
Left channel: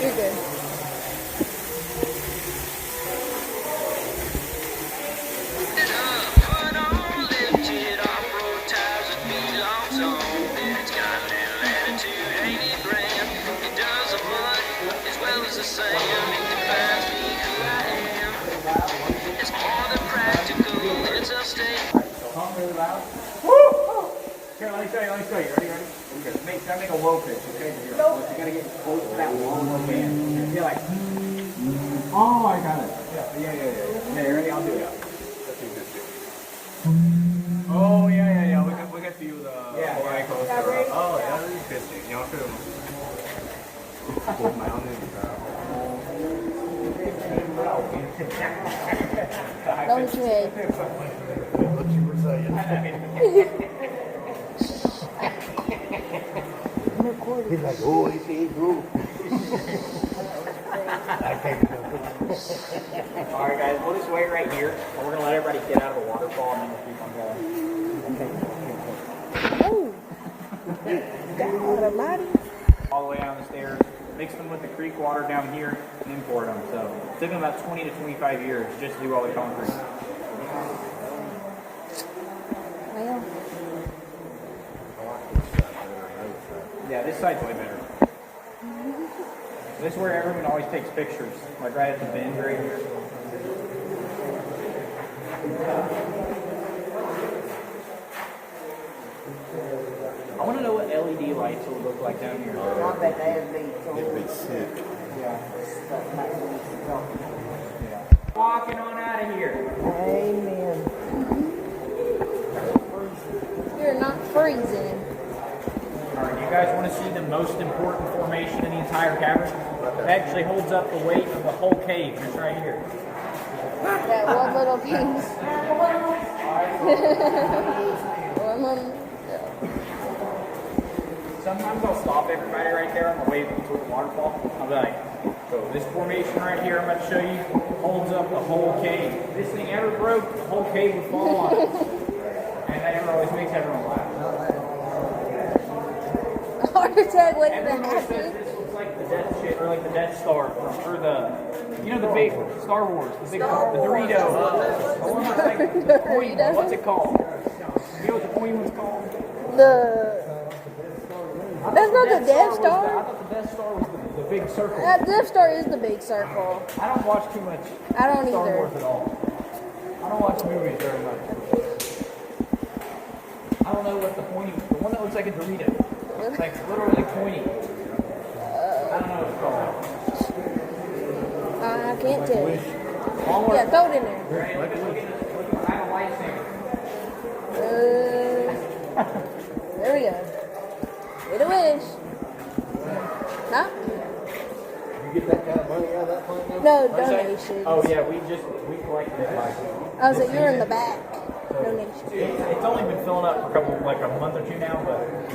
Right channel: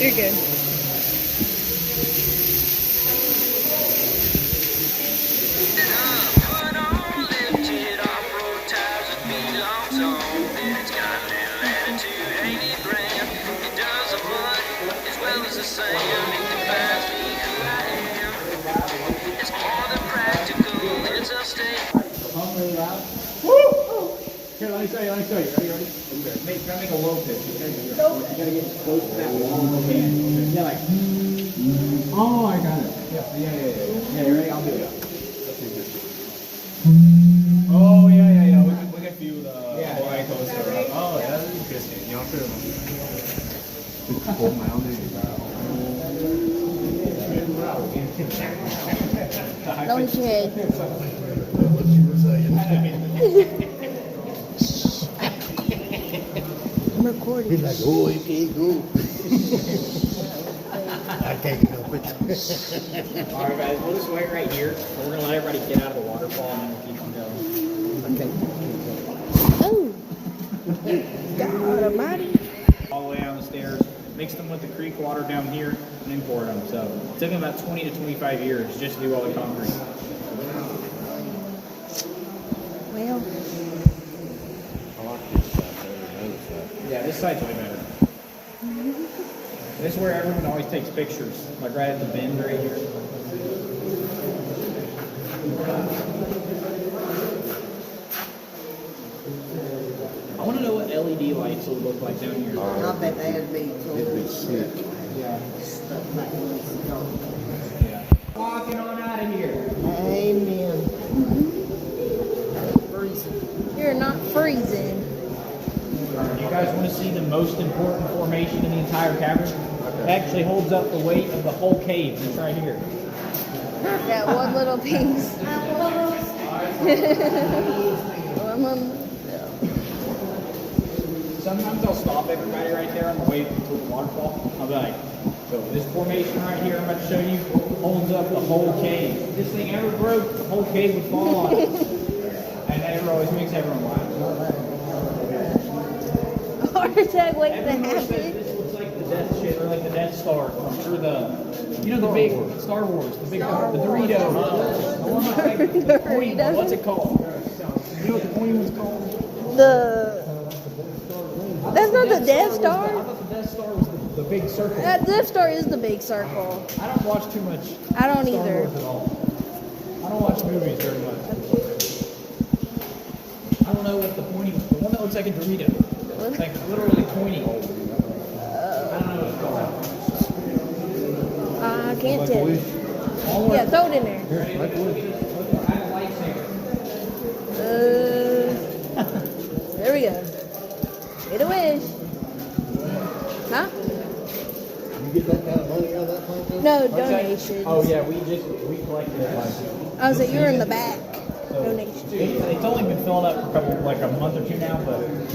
You're good. Put on lifted off-road tires that belongs on. It's got a little attitude, ain't it grand? It does the mud as well as the sand. It defines me who I am. It's more than practical, it's a statement. Pump really loud. Woo! Here, let me show you. Ready? Okay. Try to make a low pitch, okay? Here. So you gotta get close to that long band. Yeah, like. Oh, I got it. Yeah. Yeah, you ready? I'll do it. Oh yeah. We can view the Hawaii coast. Is that right? Oh yeah, that's interesting. You know, too. Don't hit your head. What you were saying. I'm recording. He's like, oh, he can't go. I can't help it. Alright guys, we'll just wait right here. We're gonna let everybody get out of the waterfall and then we'll keep on going. Oh. God almighty. All the way down the stairs, mix them with the creek water down here, and import them. So it took them about 20 to 25 years just to do all the concrete. Well, Yeah, this side's way better. This is where everyone always takes pictures, like right at the bend right here. I want to know what LED lights will look like down here. I bet that'd be cool. It'd be sick. Yeah. Stuff like this. Yeah. Walking on out of here. Amen. Freezing. you're not freezing. Alright, you guys want to see the most important formation in the entire cavern? It actually holds up the weight of the whole cave. It's right here. That one little piece. One little. Sometimes I'll stop everybody right there on the way to the waterfall. I'll be like, so this formation right here I'm about to show you holds up the whole cave. If this thing ever broke, the whole cave would fall on it. And that always makes everyone laugh. Heart attack waiting to Everyone always says happen. this looks like the Death Ship, or like the Death Star from, or the, you know, the big Star Wars, the big, the Dorito. The one that's like the coin one. What's it called? You know what the coin was called? That's not the Death I Star. thought the Death Star was the big circle. That Death Star is the big circle. I don't watch too much I don't Star either. Wars at all. I don't watch movies very much. I don't know what the pointy, the one that looks like a Dorito. It's like literally pointy. I don't know what it's called. I can't tell. All Yeah, throw it in there. I'm a lightsaber. There we go. Get a wish. Huh? You get that kind of money out of that plant? No, donations. Oh yeah, we collected it. I was like, you're in the back. So Donations. it's only been filling up for like a month or two now, but it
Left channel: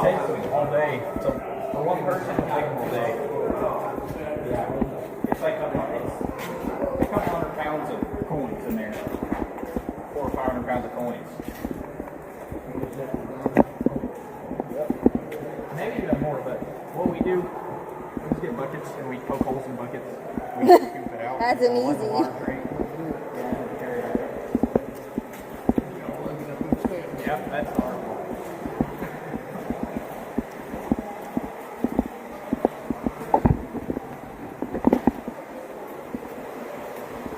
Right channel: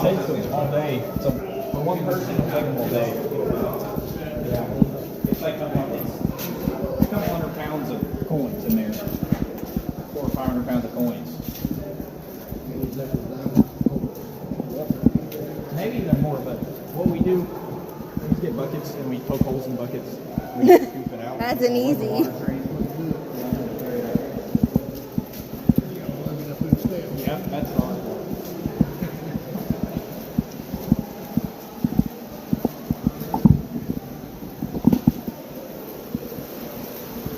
takes them all day. So for one person, it'll take them all day. Yeah, it's like a couple hundred pounds of coins in there. 400 or 500 pounds of coins. Maybe even more, but what we do, we just get buckets and we poke holes in buckets. We scoop it out. That's an Like a easy. water train. Yeah, and carry it out. Yep, that's the hard part.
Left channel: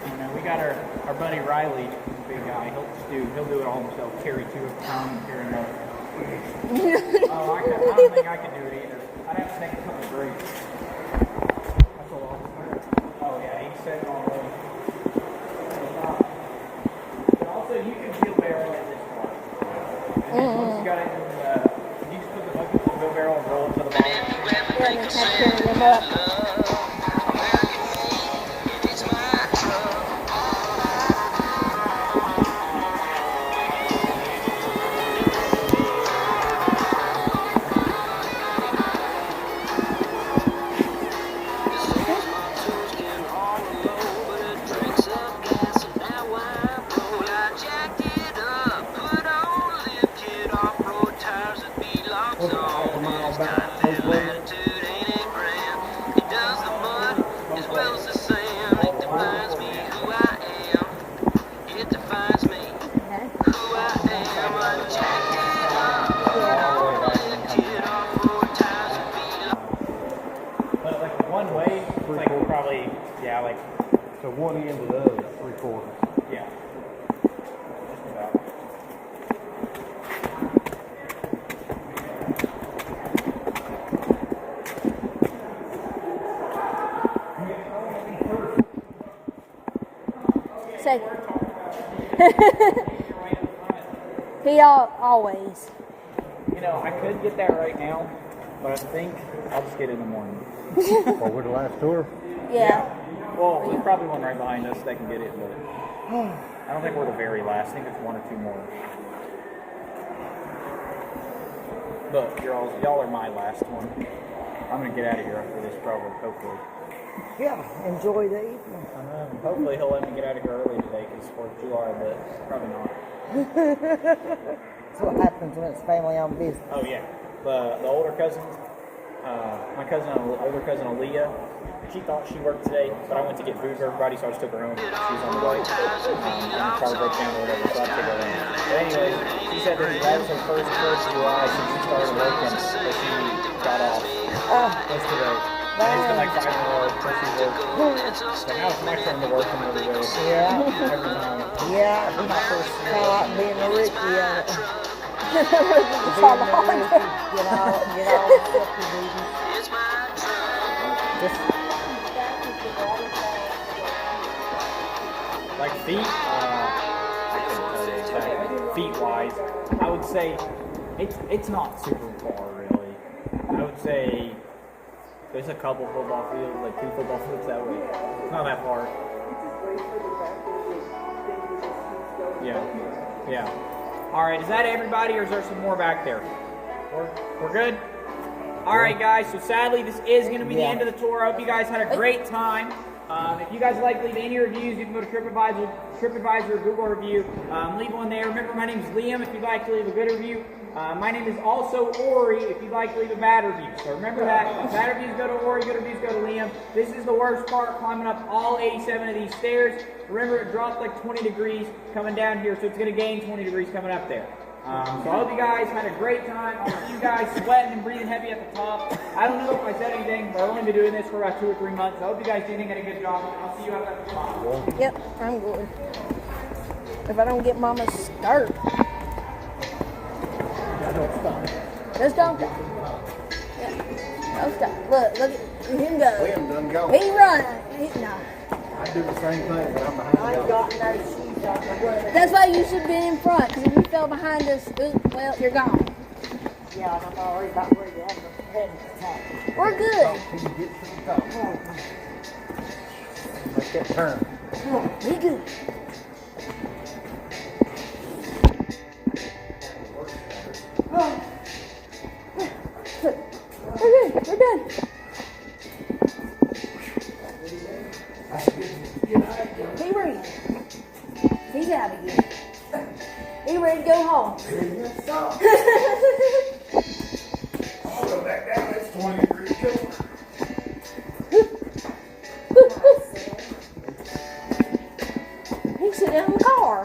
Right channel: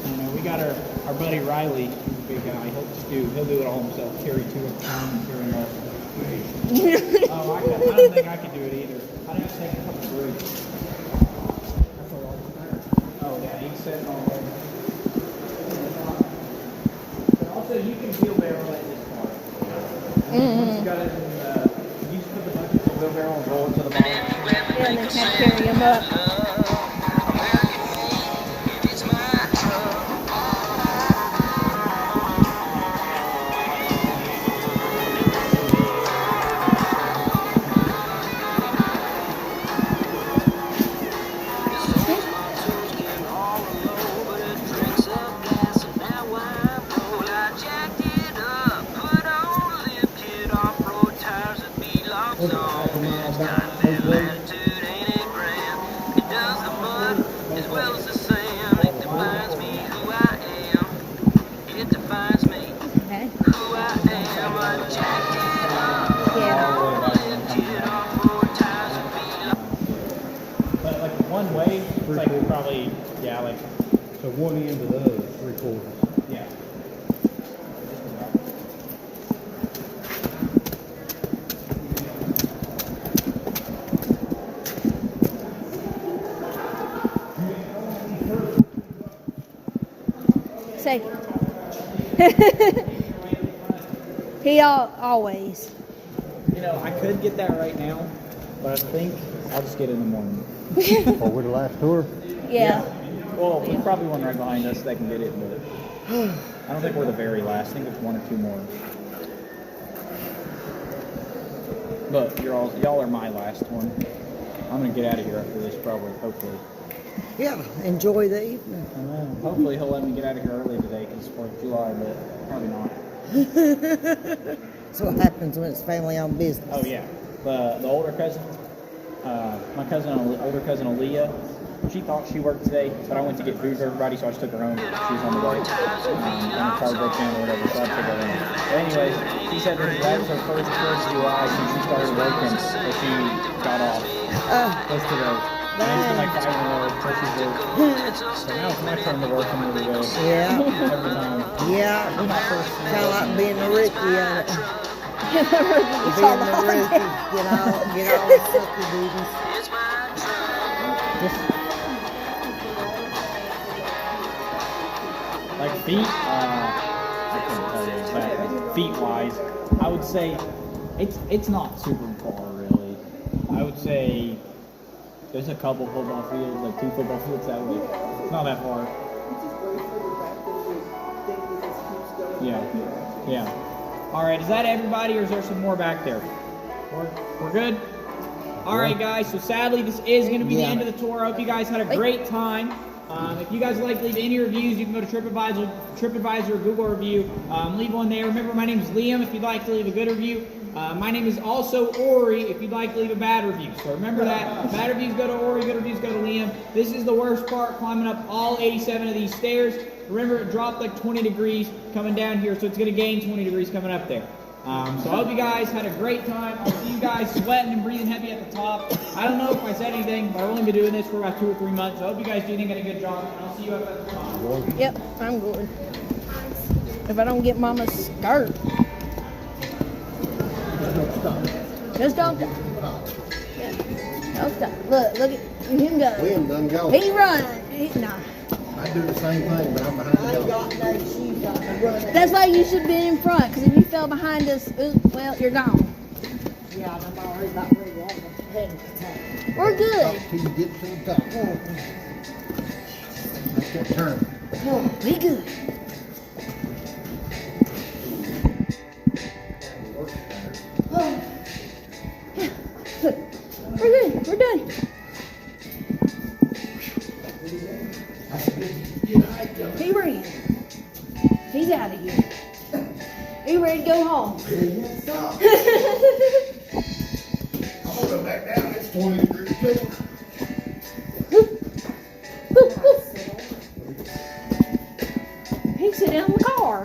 And we got our buddy Riley, who's a big guy. He'll do it all himself. Carry 2 at a time and carry them all. Oh, I don't think I could do it either. I'd have to take a couple breaks. That's a lot. Oh yeah, he's setting all ready. But also, you can wheelbarrow at this part. Once you got it in, you just put the bucket in the wheelbarrow and roll it to the bottom. Yeah, and then have to carry him up. It's my truck. Latitude ain't it grand? It does the mud as well as the sand. It defines me who I am. It defines me who I am. I jacked it up, put on lifted off-road tires and be But like one way, it's like probably, yeah, like, So one end of the other, 3/4. yeah. Just about. Say. He always. You know, I could get that right now, but I think I'll just get it in the morning. Oh, we're the last tour? Yeah. Well, there's probably one right behind us that can get it, but I don't think we're the very last. I think it's one or two more. But y'all are my last one. I'm gonna get out of here after this, probably, hopefully. Yeah, enjoy the evening. I know. Hopefully he'll let me get out of here early today because it's 4th of July, but probably not. That's what happens when it's family-owned business. Oh yeah, the older cousin, my older cousin Aaliyah, she thought she worked today, but I went to get food for everybody, so I just took her home. She was on the way, and the car broke down or whatever, so I took her home. But anyway, she said that that's her first 4th of July since she started working, that she got off. Just today. And it's been like 5 in a row, so she's worked. So now it's my turn to work and really good. Yeah. Every time. Yeah. It's not first. Kind of like being a Ricky on it. It's all Being a about Ricky, it. get all the duties. It's my truck. Just like feet, I couldn't tell you exactly. Feet wise, I would say it's not super far really. I would say there's a couple football fields, like 2 football fields that way. It's not that far. Yeah. All right, is that everybody, or is there some more back there? We're good. All right, guys. So sadly, this is going to be the end of the tour. I hope you guys had a great time. If you guys would like to leave any reviews, you can go to TripAdvisor, or Google review. Leave one there. Remember, my name is Liam. If you'd like to leave a good review. My name is also Ori. If you'd like to leave a bad review. So remember that. Bad reviews go to Ori. Good reviews go to Liam. This is the worst part, climbing up all 87 of these stairs. Remember, it dropped like 20 degrees coming down here, so it's going to gain 20 degrees coming up there. So I hope you guys had a great time. I'll see you guys sweating and breathing heavy at the top. I don't know if I said anything, but I've only been doing this for about 2 or 3 months. I hope you guys do think I did a good job. I'll see you up at the top. Yep, I'm good. If I don't get Mama's skirt. Just don't stop. Yeah. Don't stop. Look at him go. Liam done go. He running. No. I do the same thing, but I'm behind I ain't the got no shoes on. I'm running. That's why you should be in front, because if you fell behind us, well, you're gone. Yeah, and I'm already about ready to have a head attack. We're good. Till you get to the top. Make that turn. Be good. We're good. We're done. He ran. He's out of here. He ready to go home. I'll go back down. It's 20 degrees too. He's sitting in the car.